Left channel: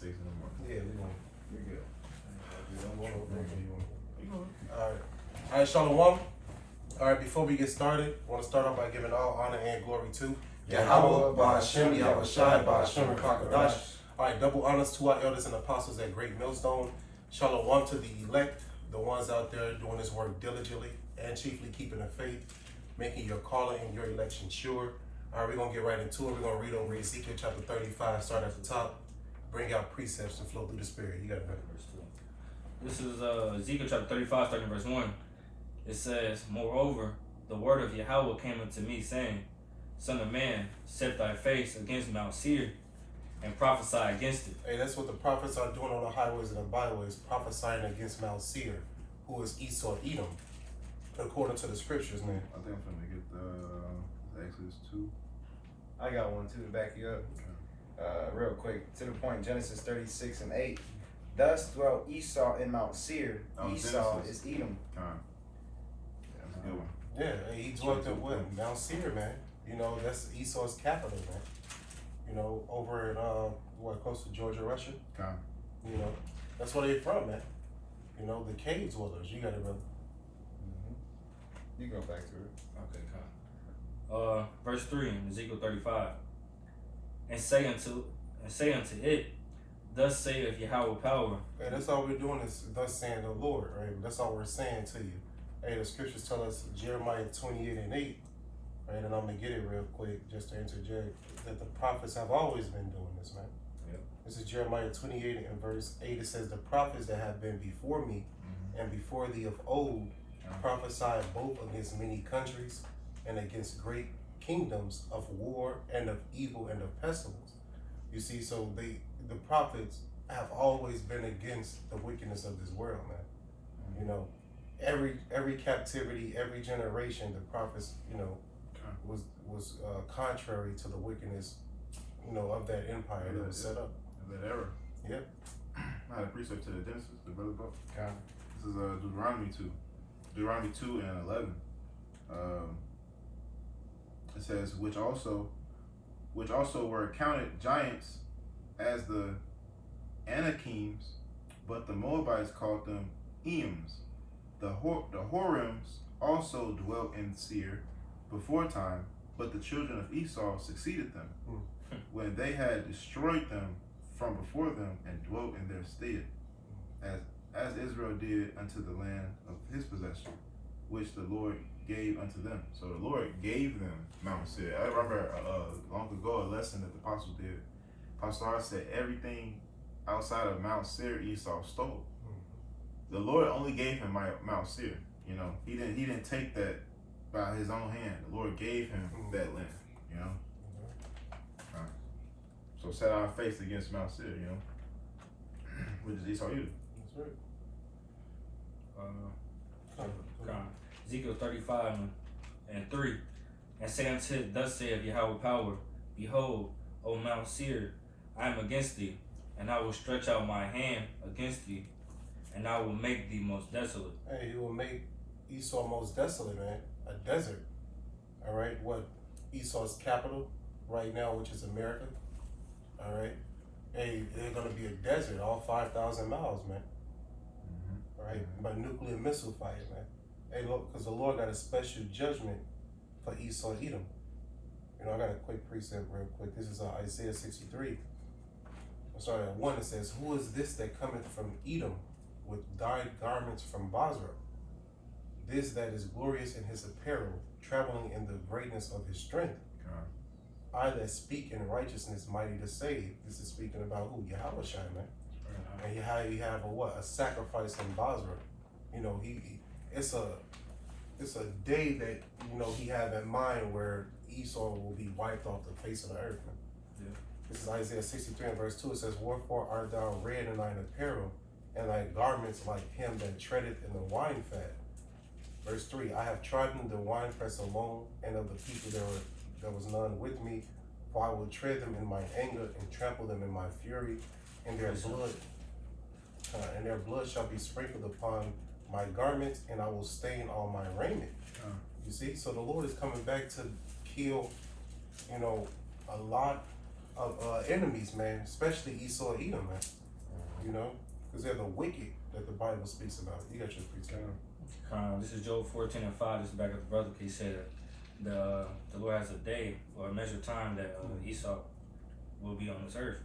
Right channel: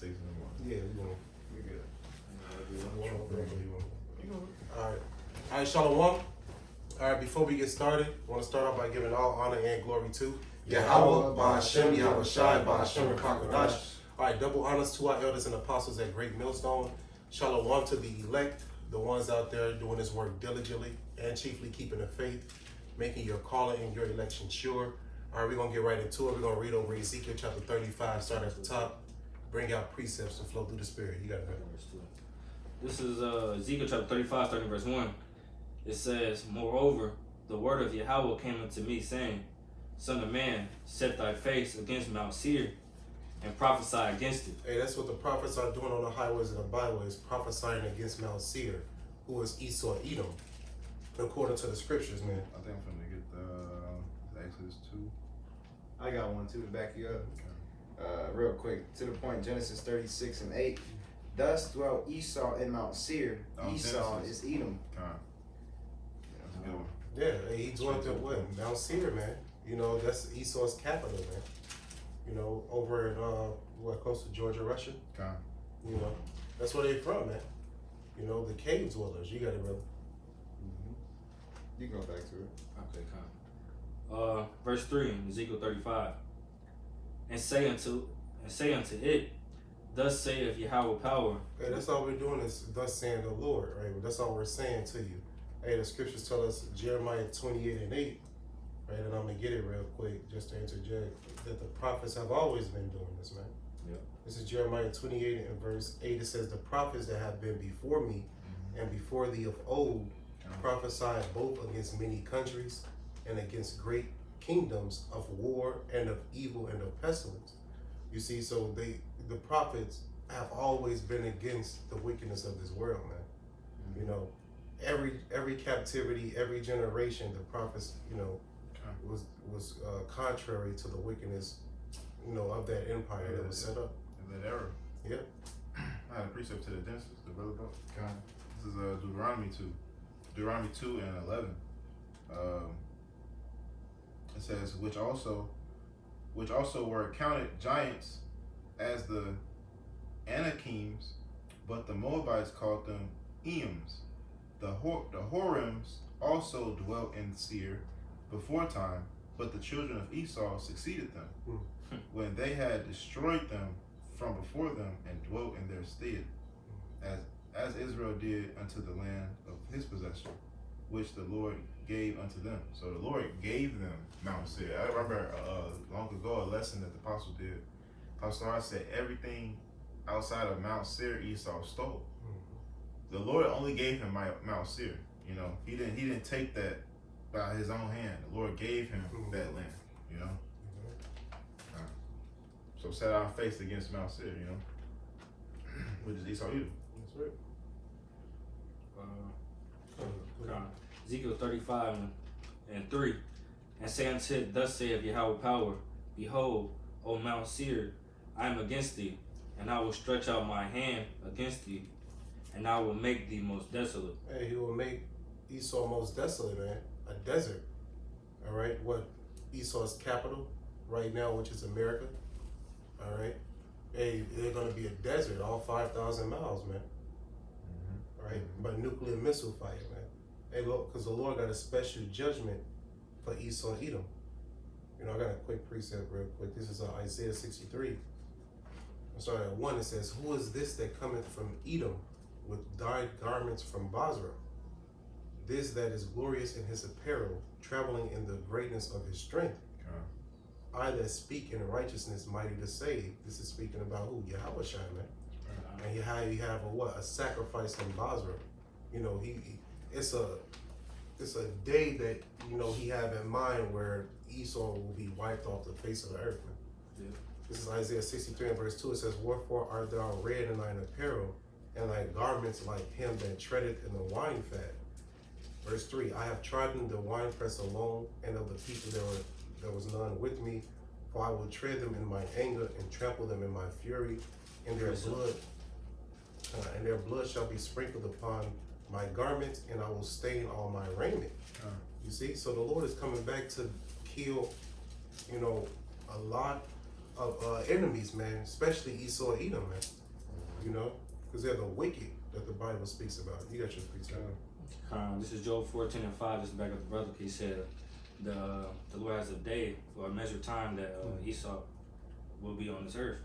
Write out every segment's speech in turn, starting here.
6 in the morning. Yeah, we gonna. We good. All right, Shalom. All right, before we get started, I want to start off by giving all honor and glory to Yahweh, Ba'Hashem, Yahweh Shai, Ba'Hashem, Rakakadash. All right, double honors to our elders and apostles at Great Millstone. Shalom to the elect, the ones out there doing this work diligently and chiefly keeping the faith, making your calling and your election sure. All right, we're going to get right into it. We're going to read over Ezekiel chapter 35, start at the top, bring out precepts to flow through the Spirit. You got it, brother. This is Ezekiel chapter 35, starting verse 1. It says, Moreover, the word of Yahweh came unto me, saying, Son of man, set thy face against Mount Seir, and prophesy against it. Hey, that's what the prophets are doing on the highways and the byways, prophesying against Mount Seir, who is Esau, Edom, according to the scriptures, man. I think I'm finna get the Exodus 2. I got one too to back you up. Real quick, to the point, Genesis 36 and 8. Thus dwelt Esau in Mount Seir. Esau Genesis. is Edom. Yeah, that's a good one. Yeah, he dwelt at what? Mount Seir, man. You know, that's Esau's capital, man. You know, over in, close to Georgia, Russia. Con. You know, that's where they're from, man. You know, the cave dwellers. You got it, brother. You go back to it. Okay, come. Verse 3 in Ezekiel 35. And say unto it, Thus saith Yahweh power. Hey, that's all we're doing is thus saying the Lord, right? That's all we're saying to you. Hey, the scriptures tell us, Jeremiah 28 and 8, right? And I'm going to get it real quick just to interject, that the prophets have always been doing this, man. Yep. This is Jeremiah 28 and verse 8. It says, the prophets that have been before me and before thee of old prophesied both against many countries and against great kingdoms of war and of evil and of pestilence. You see, so the prophets have always been against the wickedness of this world, man. You know, every captivity, every generation, the prophets, you know, was contrary to the wickedness, you know, of that empire that was set up. That era. Yep. I had a precept to the Genesis, the brother book. Con. This is Deuteronomy 2. Deuteronomy 2 and 11. It says, which also were accounted giants as the Anakims, but the Moabites called them Eames. The Horims also dwelt in Seir before time, but the children of Esau succeeded them when they had destroyed them from before them and dwelt in their stead, as Israel did unto the land of his possession, which the Lord gave unto them. So the Lord gave them Mount Seir. I remember long ago a lesson that the apostle did. Apostle Seir said everything outside of Mount Seir Esau stole. The Lord only gave him Mount Seir. You know, he didn't take that by his own hand. The Lord gave him that land. You know. So set our face against Mount Seir. You know, which is Esau Edom. That's right. Ezekiel 35 and 3. And say unto it, Thus saith Yahweh power, Behold, O Mount Seir, I am against thee, and I will stretch out my hand against thee, and I will make thee most desolate. Hey, he will make Esau most desolate, man. A desert. All right. What Esau's capital right now, which is America. All right. Hey, they're going to be a desert, all 5,000 miles, man. Right. By nuclear missile fire, man. Hey, look, because the Lord got a special judgment for Esau, Edom. You know, I got a quick precept real quick. This is Isaiah 63. I'm sorry, at 1 it says, Who is this that cometh from Edom with dyed garments from Basra? This that is glorious in his apparel, traveling in the greatness of his strength. I that speak in righteousness, mighty to save. This is speaking about who? Yahweh Shai, man. And you have a sacrifice in Basra. You know, it's a day that, you know, he have in mind where Esau will be wiped off the face of the earth, man. Yeah. This is Isaiah 63 and verse 2. It says, Wherefore art thou red in thine apparel, and thy garments like him that treadeth in the wine fat. Verse 3, I have trodden the winepress alone, and of the people there was none with me, for I will tread them in my anger and trample them in my fury, and their blood shall be sprinkled upon my garments, and I will stain all my raiment. You see, so the Lord is coming back to kill, you know, a lot of enemies, man, especially Esau and Edom, man. You know, because they're the wicked that the Bible speaks about. You got your precept. This is Job 14:5. This is back at the brother. He said, the Lord has a day or a measured time that Esau will be on this earth.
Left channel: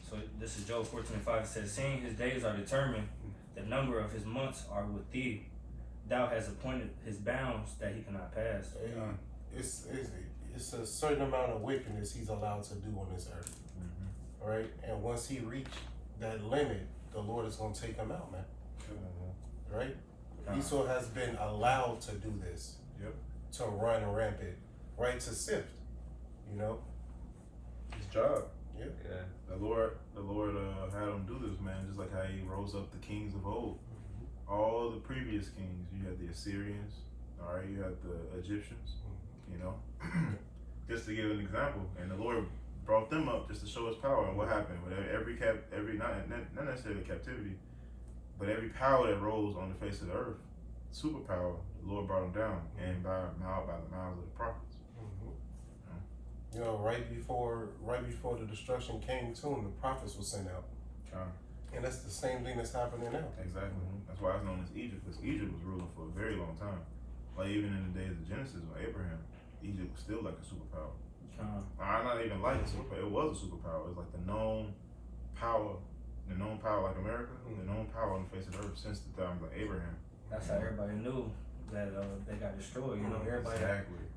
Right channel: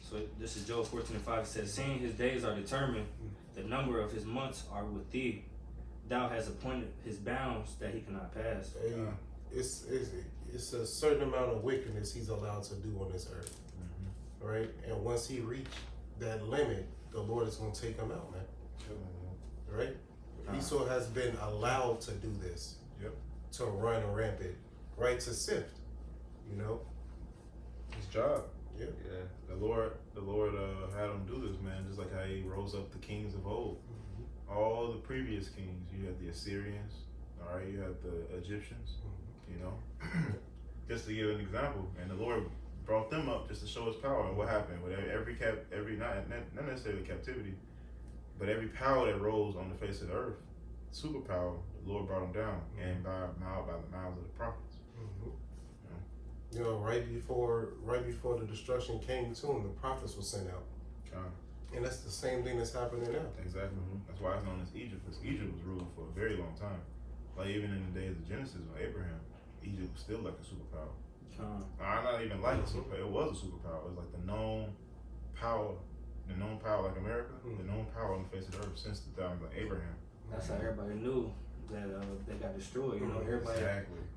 So this is Job 14:5. It says, seeing his days are determined, the number of his months are with thee. Thou hast appointed his bounds that he cannot pass. Hey, it's a certain amount of wickedness he's allowed to do on this earth, right? And once he reached that limit, the Lord is going to take him out, man. Right? Esau has been allowed to do this, to run rampant, right? To sift, you know. His job. Yeah. The Lord had him do this, man. Just like how he rose up the kings of old. All the previous kings, you had the Assyrians, all right, you had the Egyptians, you know, just to give an example. And the Lord brought them up just to show his power. And what happened with every not necessarily captivity, but every power that rose on the face of the earth, superpower, the Lord brought them down, and by the mouths of the prophets. You know, right before the destruction came to him, the prophets were sent out. And that's the same thing that's happening now. Exactly. That's why it's known as Egypt, because Egypt was ruling for a very long time. Like even in the days of Genesis or Abraham, Egypt was still like a superpower. Not even like a superpower. It was a superpower. It was like the known power like America, the known power on the face of the earth since the time of like Abraham. That's how everybody knew that they got destroyed. You know, everybody,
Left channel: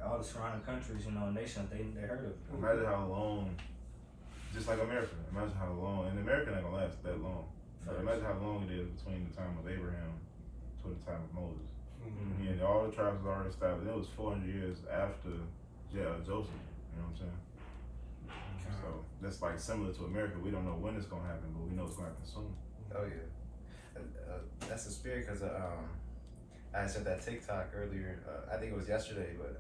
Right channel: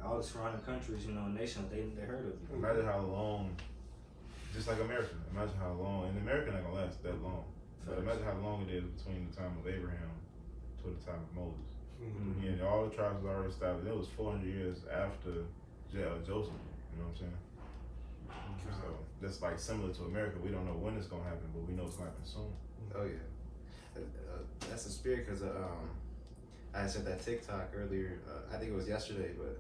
all the surrounding countries, you know, nations, they heard of it. Imagine how long, just like America. Imagine how long, and America ain't gonna last that long. But imagine how long it is between the time of Abraham to the time of Moses. Yeah, all the tribes was already established. It was 400 years after Joseph. You know what I'm saying? So that's like similar to America. We don't know when it's gonna happen, but we know it's gonna happen soon. Oh yeah, that's the spirit. Because I said that TikTok earlier. I think it was yesterday, but I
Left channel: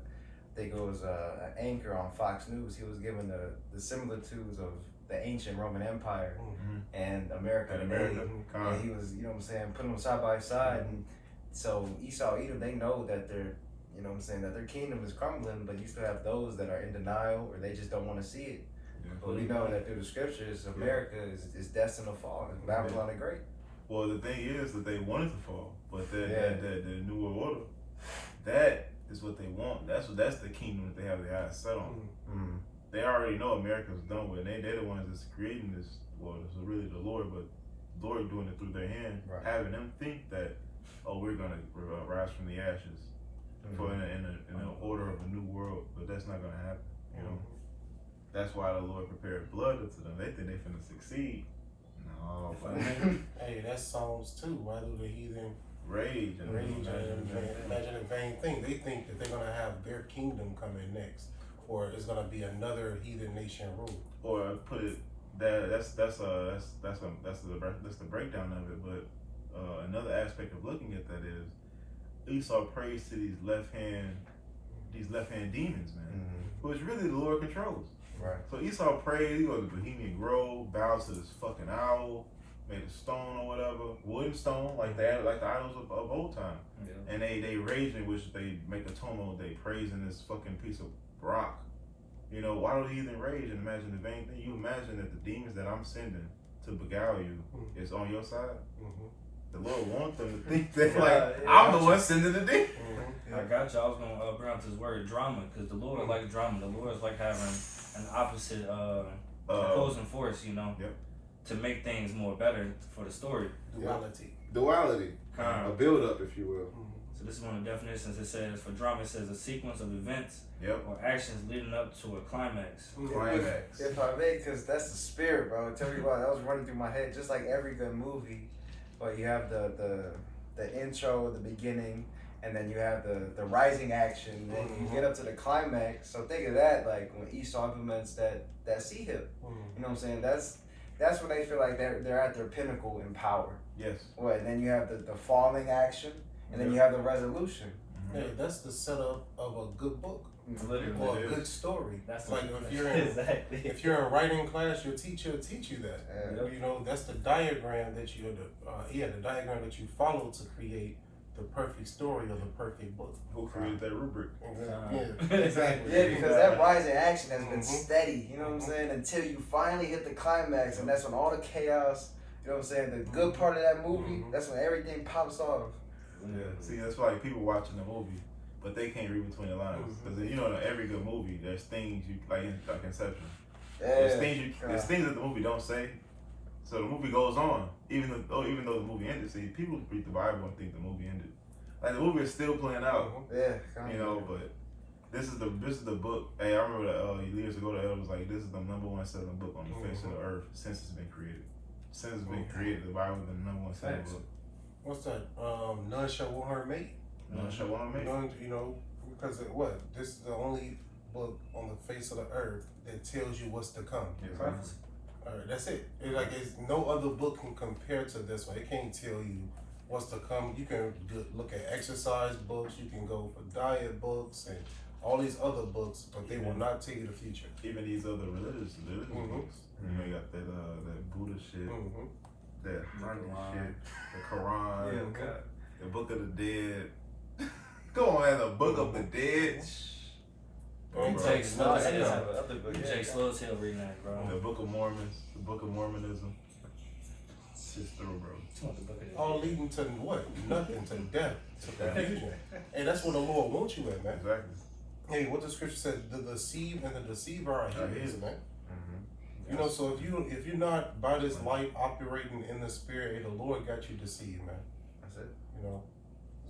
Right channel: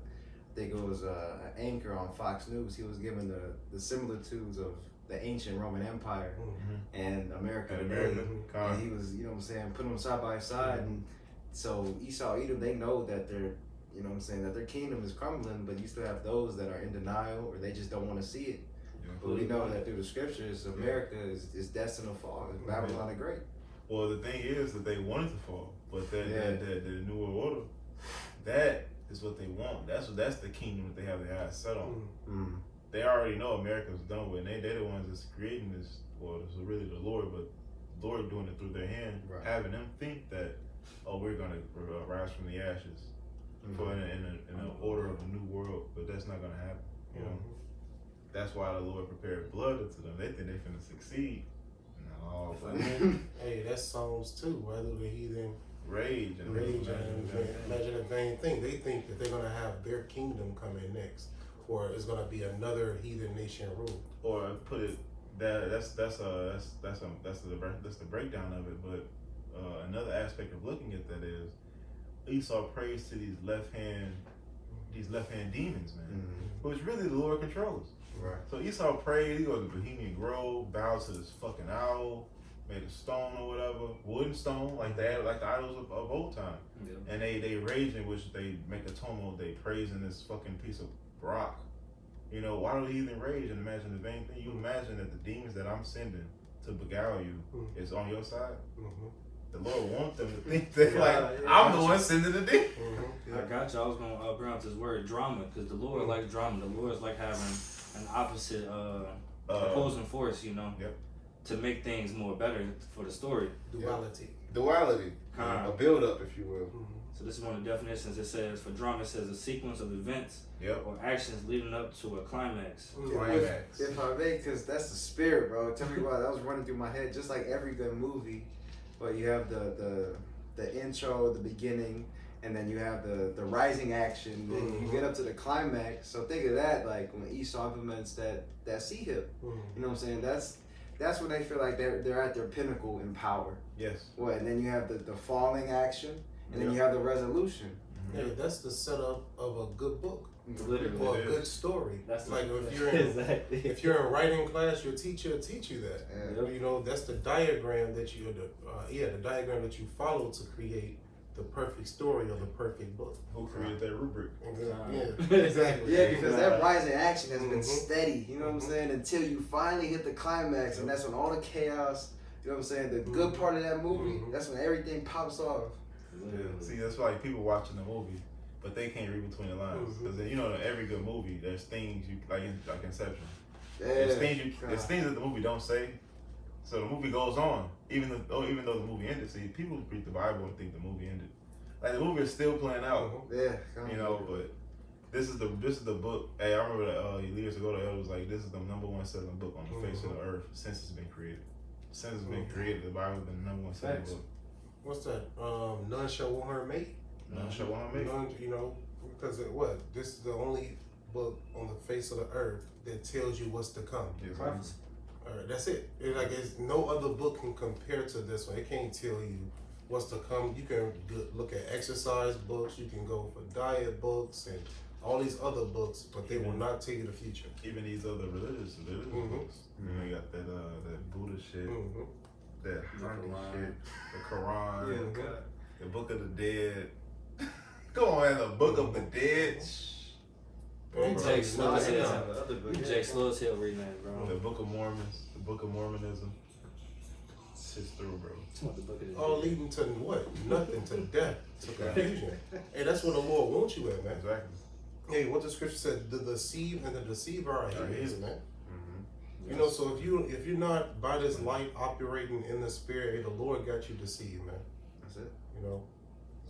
think it was an anchor on Fox News. He was given the similitudes of the ancient Roman Empire and America today. And he was, you know what I'm saying, putting them side by side. And so Esau, Edom, they know that they're, you know what I'm saying, that their kingdom is crumbling, but you still have those that are in denial or they just don't want to see it. But we know that through the scriptures, America is destined to fall. Babylon the Great. Well, the thing is that they wanted to fall, but the New World Order, that is what they want. That's the kingdom that they have their eyes set on. They already know America's done with, and they're the ones that's creating this. Well, it's really the Lord, but the Lord doing it through their hand, having them think that, oh, we're gonna rise from the ashes, for in an order of a new world, but that's not gonna happen. You know, that's why the Lord prepared blood unto them. They think they finna succeed. No, hey, that's Psalms 2. Why do the heathen rage and imagine a vain thing? They think that they're gonna have their kingdom coming next, or it's gonna be another heathen nation rule. Or put it that's the breakdown of it. But another aspect of looking at that is Esau prays to these left hand demons, man, which really the Lord controls. Right. So Esau prayed, he was a Bohemian Grove, bowed to this fucking owl, made a stone or whatever, wooden stone, like the idols of old time. Yeah. And they rage in which they make atonement, they praise in this fucking piece of rock. You know, why do the heathen rage and imagine the vain thing? You imagine that the demons that I'm sending to beguile you is on your side? The Lord wants them to think that I'm the one sending the demon. I got you. I was gonna bring up this word drama, because the Lord like drama. The Lord's like having an opposite opposing force, you know, to make things more better for the story. Duality. A build up, if you will. So this is one of the definitions. It says, for drama, it says a sequence of events or actions leading up to a climax. If I may, because that's the spirit, bro. Tell me why that was running through my head. Just like every good movie, but you have the intro, the beginning, and then you have the rising action, then you get up to the climax. So think of that, like when Esau implements that sea hip. You know what I'm saying? That's when they feel like they're at their pinnacle in power. Yes. And then you have the falling action, and then you have the resolution. Hey, that's the setup of a good book. Literally. Or a good story. That's like if you're in writing class, your teacher will teach you that. You know, that's the diagram that the diagram that you follow to create the perfect story or the perfect book. Who created that rubric? Yeah, exactly. Yeah, because that rising action has been Mhm. steady, you know what I'm saying, until you finally hit the climax, and that's when all the chaos, you know what I'm saying, the good part of that movie, that's when everything pops off. Yeah. See, that's why people watching the movie, but they can't read between the lines. Because you know, in every good movie, there's things you like Inception. There's things that the movie don't say. So the movie goes on, even though the movie ended. See, people read the Bible and think the movie ended. Like the movie is still playing out. Yeah, You know, but this is the book. Hey, I remember that years ago the elder was like, this is the #1 selling book on the face of the earth since it's been created. Since it's been created, the Bible is the #1 selling book. What's that? None shall want her mate. None shall want to make. None, you know, because what? This is the only book on the face of the earth that tells you what's to come. Exactly. All right, that's it. It's no other book can compare to this one. It can't tell you what's to come. You can look at exercise books. You can go for diet books and all these other books, but they will not tell you the future. Even these other religious books. You know, you got that Buddha shit, that Hindu shit, the Quran, the Book of the Dead. Go on, man, the Book of the Dead. Jake slow as That's hell. another book, yeah. Jake slow as hell reading that, bro. The Book of Mormons, the Book of Mormonism. It's just through, bro. All leading to what? Nothing, to death, to confusion. Hey, that's where the Lord wants you at, man. Exactly. Hey, what the scripture said, the deceive and the deceiver are his, man. Mm-hmm. You know, so if you're not by this light operating in the spirit, hey, the Lord got you deceived, man. That's it. You know,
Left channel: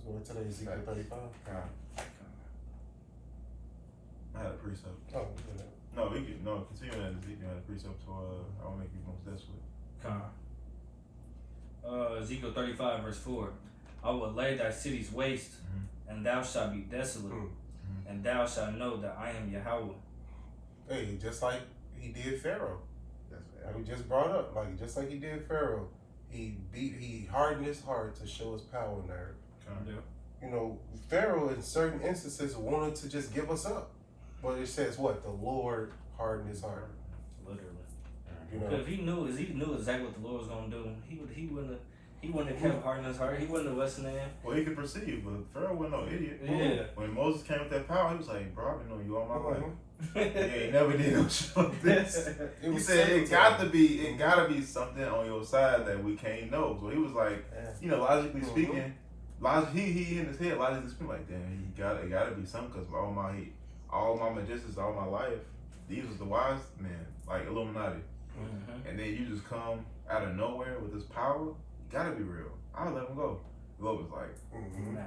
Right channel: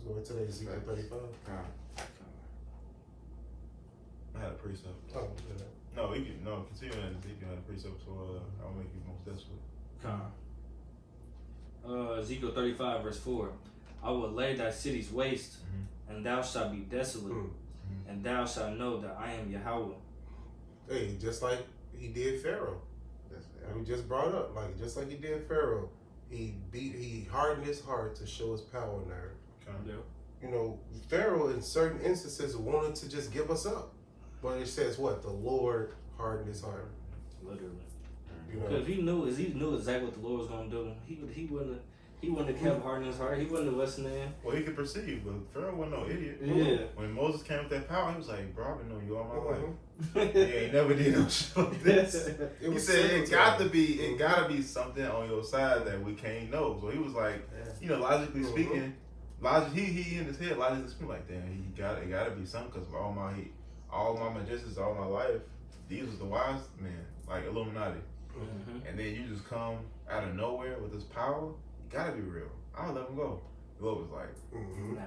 so what today is Ezekiel 35. I had a precept. Oh, Continue that Ezekiel had a precept, so I will make you most desolate. Ezekiel 35 verse 4. I will lay thy cities waste, and thou shalt be desolate, and thou shalt know that I am Yahweh. Hey, just like he did Pharaoh. Like we just brought up, just like he did Pharaoh, he hardened his heart to show his power in the earth. You know, Pharaoh in certain instances wanted to just give us up, but it says what? The Lord hardened his heart. Literally. You know, If he knew exactly what the Lord was gonna do, he wouldn't have kept hardening his heart. He wouldn't have listened to him. Well, he could perceive, but Pharaoh wasn't no idiot. Yeah. When Moses came with that power, he was like, bro, I've been knowing you all my life. He ain't never did no shit like this. He said it gotta be something on your side that we can't know. So he was like, you know, logically speaking, he in his head logically speaking like, damn, it gotta be something, because all my magicians all my life, these was the wise men, like Illuminati. And then you just come out of nowhere with this power, you gotta be real. I'll let him go. The Lord was like, Nah.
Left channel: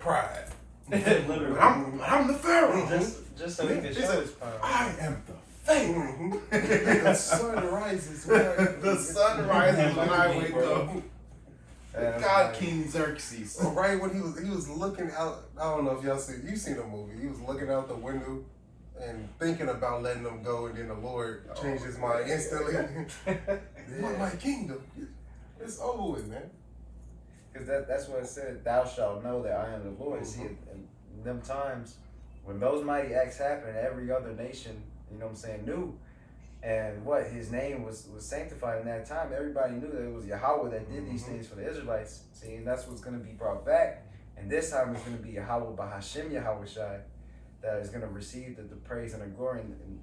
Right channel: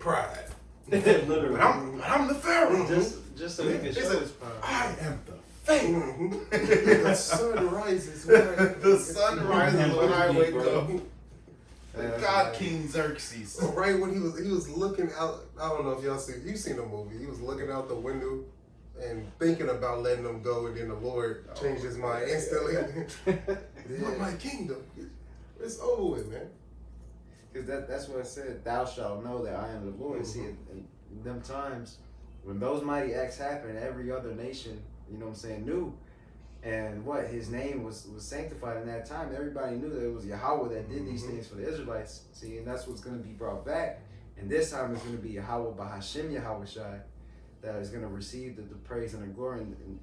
Pride. Literally. I'm the Pharaoh. Just so he can He show said, his power. I am the Pharaoh. The sun rises. The sun rises when I wake up. That's God, right. King Xerxes. Right when he was looking out. I don't know if you've seen the movie. He was looking out the window and thinking about letting them go, and then the Lord changed his mind instantly. My kingdom, it's over with, man. Because that's what it said, thou shalt know that I am the Lord. See, in them times, when those mighty acts happened, every other nation, you know what I'm saying, knew. And his name was sanctified in that time. Everybody knew that it was Yahweh that did these things for the Israelites. See, and that's what's going to be brought back. And this time it's going to be Yahweh Bahashem Yahweh Shai that is going to receive the praise and the glory. And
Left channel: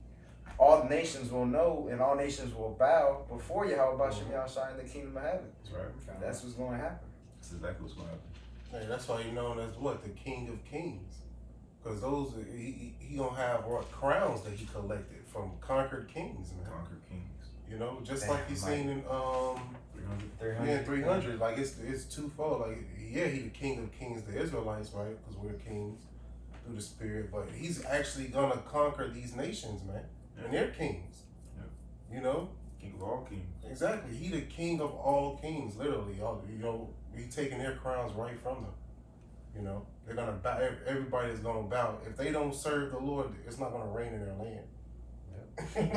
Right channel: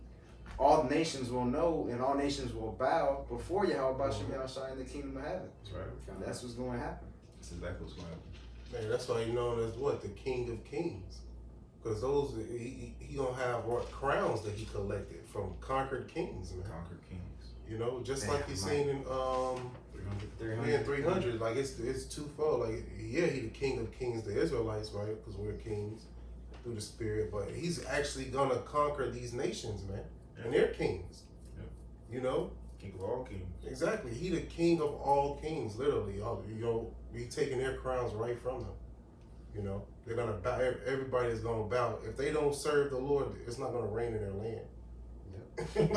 all nations will know, and all nations will bow before Yahweh Bahashem Yahweh Shai in the kingdom of heaven. That's right. That's what's going to happen. That's exactly what's going to happen. Hey, that's why he's known as what? The King of Kings. Because those, he gonna have crowns that he collected from conquered kings, man. Conquered kings. You know, just like you seen in 300. Like it's twofold. Like he the King of Kings, the Israelites, right? Because we're kings through the Spirit. But he's actually gonna conquer these nations, man, and they're kings. Yeah. You know. King of all kings. Exactly. He the King of all kings, literally. You know, he taking their crowns right from them. You know, they're gonna bow. Everybody is gonna bow. If they don't serve the Lord, it's not gonna rain in their land. Let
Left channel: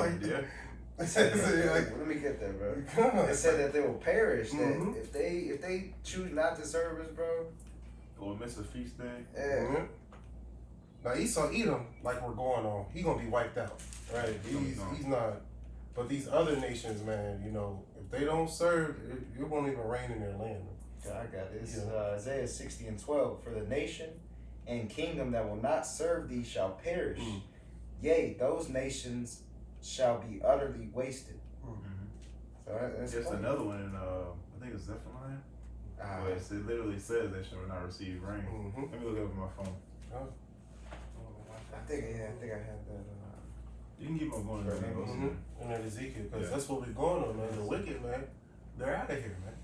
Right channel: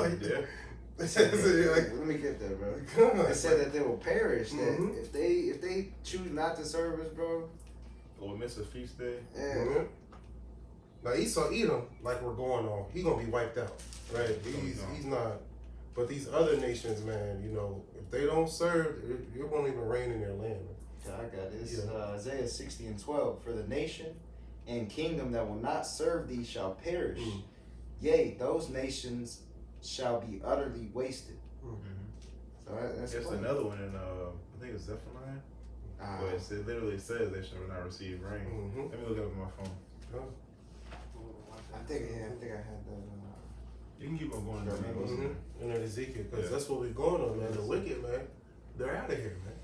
me get that, bro. It said that they will perish. That if they choose not to serve us, bro. Or miss a feast day. Yeah. Now Esau, Edom, like we're going on, he gonna be wiped out, right? He's not. But these other nations, man, you know, if they don't serve, it won't even rain in their land. I got this. Yeah. Isaiah 60:12. For the nation and kingdom that will not serve thee shall perish. Yea, those nations shall be utterly wasted. So that's Just funny. another one in I think it's Zephaniah. Where it literally says they shall not receive rain. Let me look it up on my phone. I think I had that. You can keep on going. And then Ezekiel, because that's what we're going on, man. The wicked, man, they're out of here, man.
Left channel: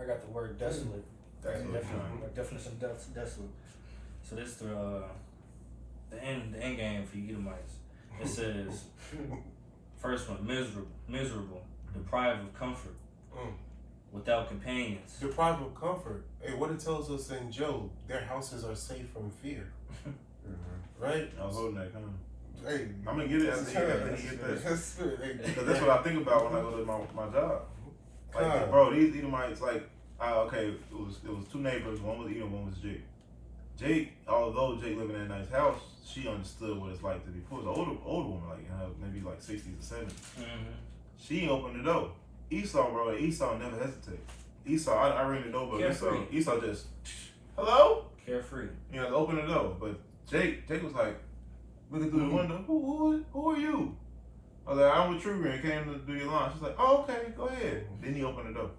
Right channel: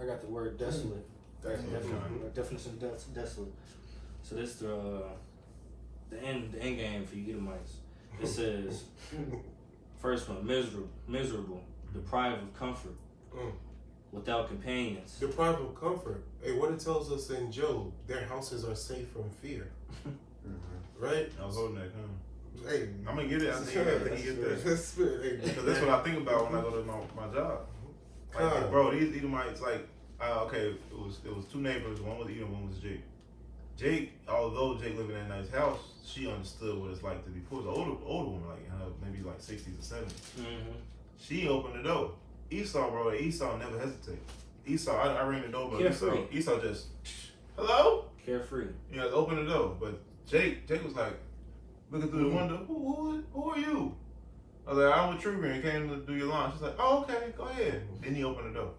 I got the word desolate. Definition desolate. So this the end game for you Edomites. It says first one, miserable, deprived of comfort, without companions. Deprived of comfort. Hey, what it tells us in Job, their houses are safe from fear. Right? I was holding that coming. Hey, I'm gonna get it after you get that. That's spirit. Hey, Because that's what I think about when I go to my job. Like, bro, these Edomites, like, okay, it was two neighbors. One was Edom, one was Jake. Jake, although Jake lived in that nice house, she understood what it's like to be poor. It was an older woman, like maybe like 60s or 70s. She opened the door. Esau, bro, Esau never hesitate. Esau, I ring the doorbell. Esau just, hello? Carefree. You know, open the door. But Jake was like, looking through the window, who are you? I was like, I'm with True Green, came to do your lawn. She's like, oh, okay, go ahead. Then he opened the door.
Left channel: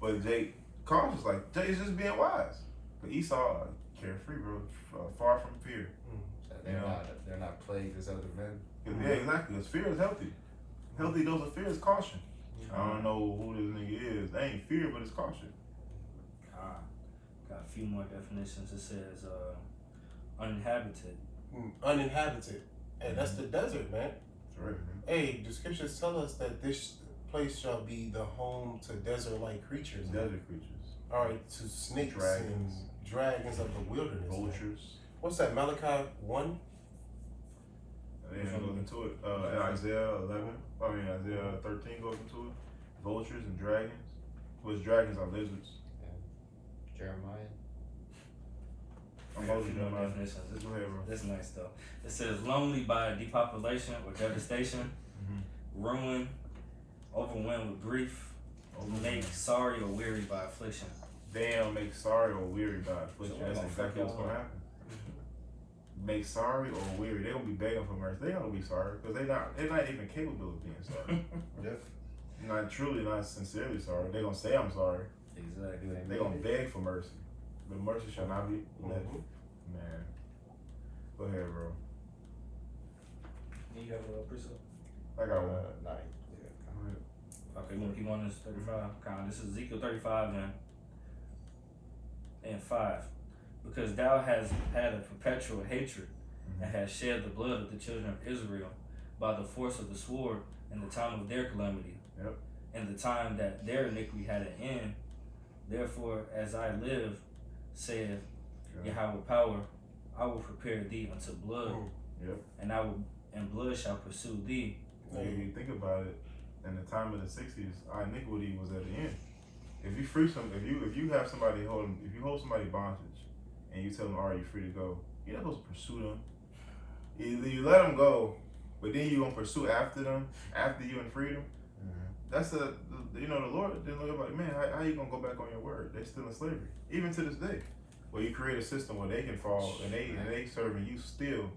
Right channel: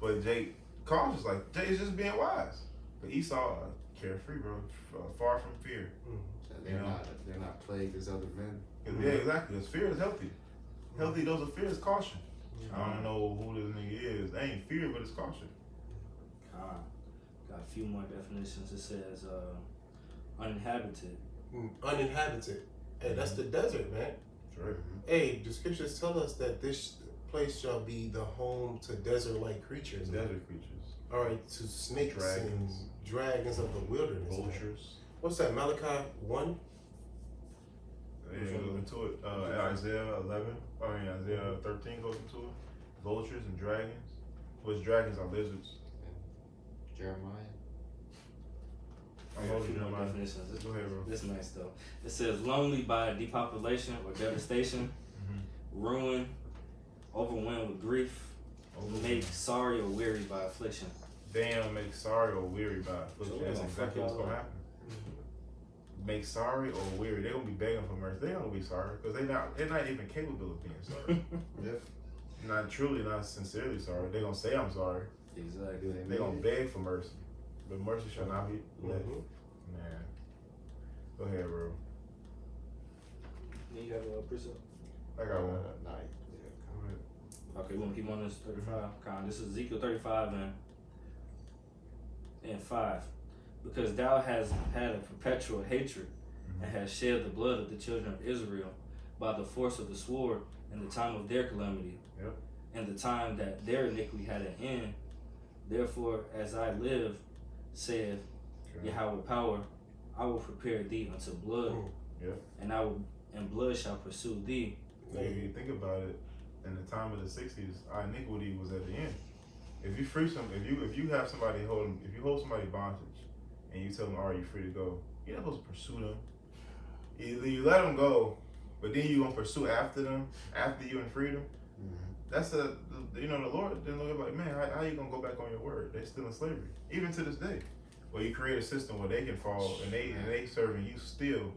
But Jake, cautious, like, Jake is just being wise. But Esau, carefree, bro, far from fear. They're not plagued as other men. Yeah, exactly. Because fear is healthy. Healthy dose of fear is caution. I don't know who this nigga is. They ain't fear, but it's caution. Got a few more definitions. It says uninhabited. Uninhabited. Hey, that's the desert, man. Sure. Hey, the scriptures tell us that this place shall be the home to desert-like creatures. Desert creatures. All right, to snakes Dragons. and dragons of the wilderness. Vultures. Man. What's that, Malachi 1? Yeah, goes into it. Isaiah 13 goes into it. Vultures and dragons. Which dragons are lizards. Jeremiah. I'm Got a holding few more Jeremiah. definitions. Go ahead, bro. This is nice though. It says lonely by depopulation or devastation, ruin, overwhelmed with grief, make sorry or weary by affliction. Damn, make sorry or weary by affliction. So That's like, exactly what's gonna happen. Make sorry or weary. They're gonna be begging for mercy. They're gonna be sorry because they're not even capable of being sorry. Yep. Not sincerely sorry. They're gonna say I'm sorry. Exactly. They're gonna beg for mercy, but mercy shall not be left. Man, go ahead, bro. You have a precept? I got one. Go ahead. Okay, we want to keep on this 35. This is Ezekiel 35 and 5. Because thou hast had a perpetual hatred and hast shed the blood of the children of Israel by the force of the sword in the time of their calamity, in the time that their iniquity had an end. Therefore, as I live, saith Yahweh power, I will prepare thee unto blood, and blood shall pursue thee. If you think about it, in the time of the 60s, our iniquity was at the end. If you free if you have somebody if you hold somebody bondage, and you tell them, all right, you're free to go, you're not supposed to pursue them. Either you let them go, but then you're going to pursue after them, after you're in freedom. That's the Lord didn't look like, man, how you going to go back on your word? They're still in slavery. Even to this day. Where you create a system where they can fall, and they serving you still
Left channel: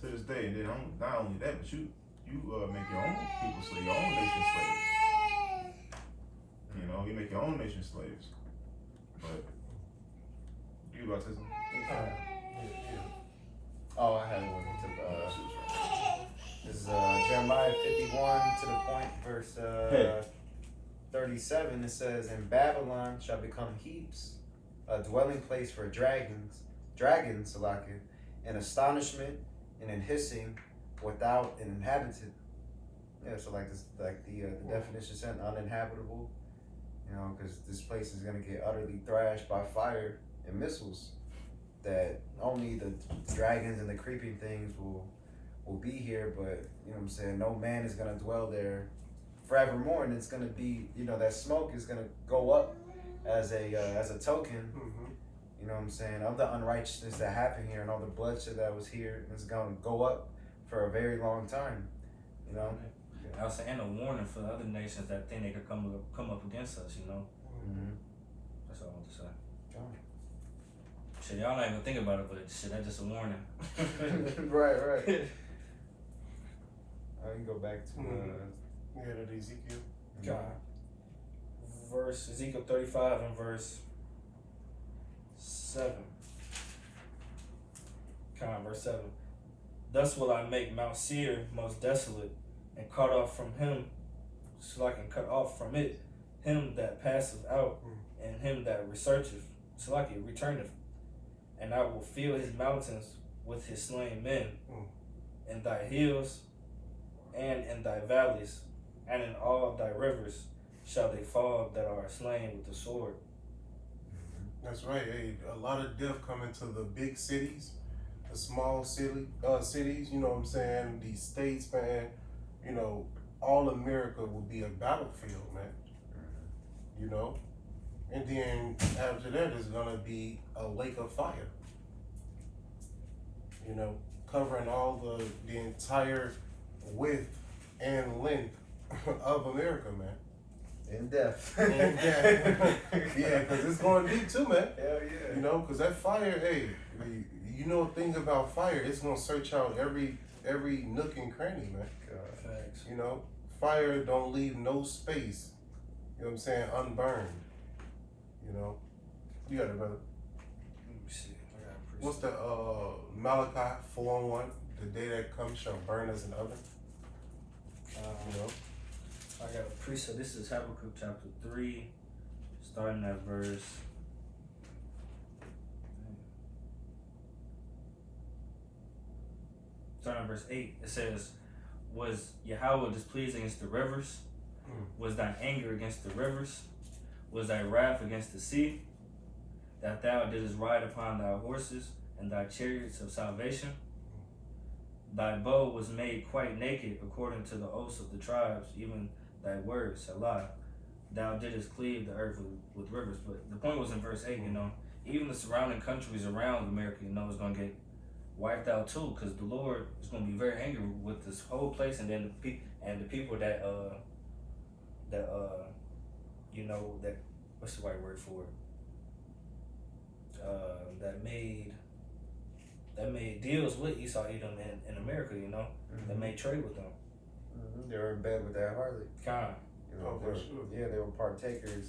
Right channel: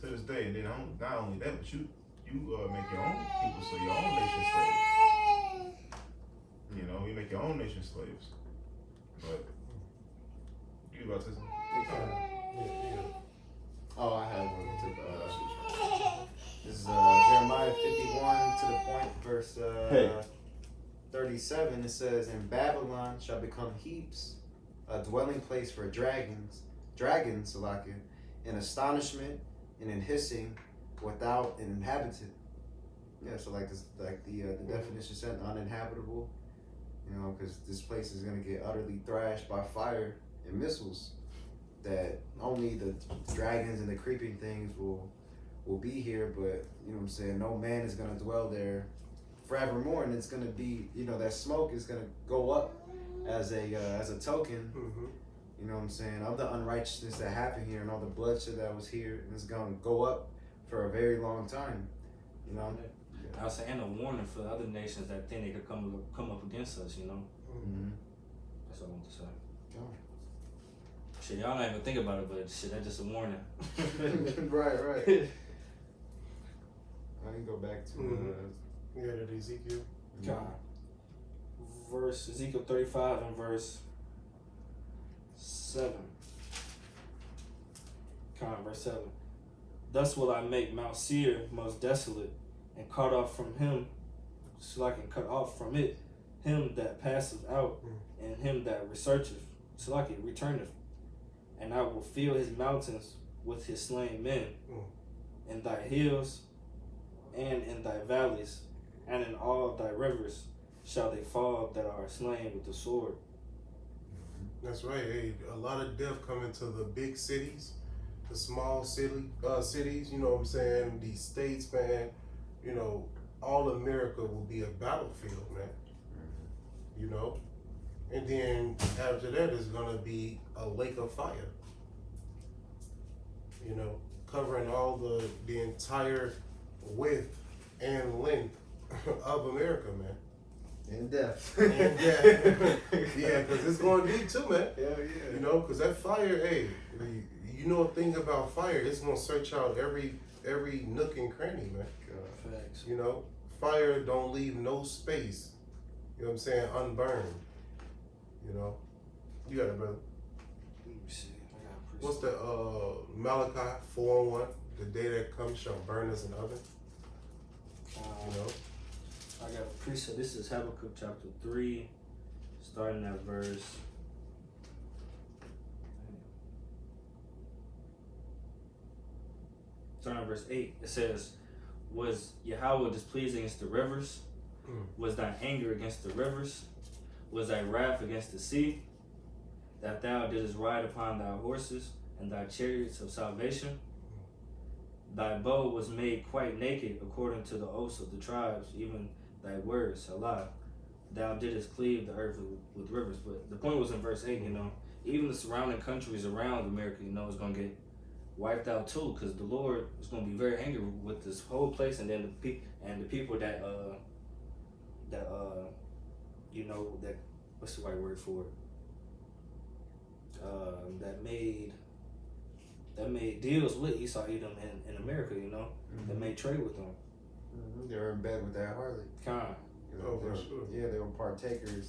to this day. And then not only that, but you make your own people, so your own nation slaves. You make your own nation slaves. But, you about to say something? Oh, I had one. This is Jeremiah 51 to the point, verse 37. It says, "And Babylon shall become heaps, a dwelling place for dragons, Salakia, in astonishment and in hissing, without an inhabitant." Yeah, so like this, like the definition said, uninhabitable. Because this place is gonna get utterly thrashed by fire and missiles. That only the dragons and the creeping things will be here, but no man is gonna dwell there forevermore, and it's gonna be that smoke is gonna go up as a token, of the unrighteousness that happened here and all the bloodshed that was here, and it's gonna go up for a very long time. I was saying a warning for the other nations that think they could come up against us. That's That's all I want to say. Oh. Shit, y'all not even think about it, but shit, that's just a warning. right. I can go back to Yeah, that Ezekiel. God. Verse Ezekiel 35 and verse 7. Verse 7. Thus will I make Mount Seir most desolate, and cut off from him, so I can cut off from it him that passeth out, and him that researcheth, so I can returneth. And I will fill his mountains with his slain men, in thy hills and in thy valleys, and in all thy rivers shall they fall that are slain with the sword. That's right. Hey, a lot of death coming to the big cities, the small cities. You know what I'm saying? These states, man. You know, all America will be a battlefield, man. You know, and then after that is gonna be a lake of fire. You know, covering all the entire width and length of America, man. in depth. Yeah, because it's going deep too, man. Hell yeah. You know, because that fire, hey, you know a thing about fire, it's going to search out every nook and cranny, man. God. Facts. You know, fire don't leave no space, you know what I'm saying, unburned. You know, you got it, brother. Let me see. I got a What's the Malachi 4:1? The day that comes shall burn as an oven. You know, I got a precept. This is Habakkuk chapter 3, starting at verse. Starting at verse 8. It says, was Yahweh displeased against the rivers? Was thy anger against the rivers? Was thy wrath against the sea? That thou didst ride upon thy horses and thy chariots of salvation? Thy bow was made quite naked according to the oaths of the tribes, even thy words, Salah. Thou didst cleave the earth with rivers. But the point was in verse 8, you know, even the surrounding countries around America, you know, is going to get wiped out too, because the Lord is going to be very angry with this whole place, and then the people that you know, that, what's the right word for it? That made deals with Esau Edom in America, you know, that made trade with them. They were in bed with that harlot. Kind. You know, Oh, for sure. Yeah, they were partakers.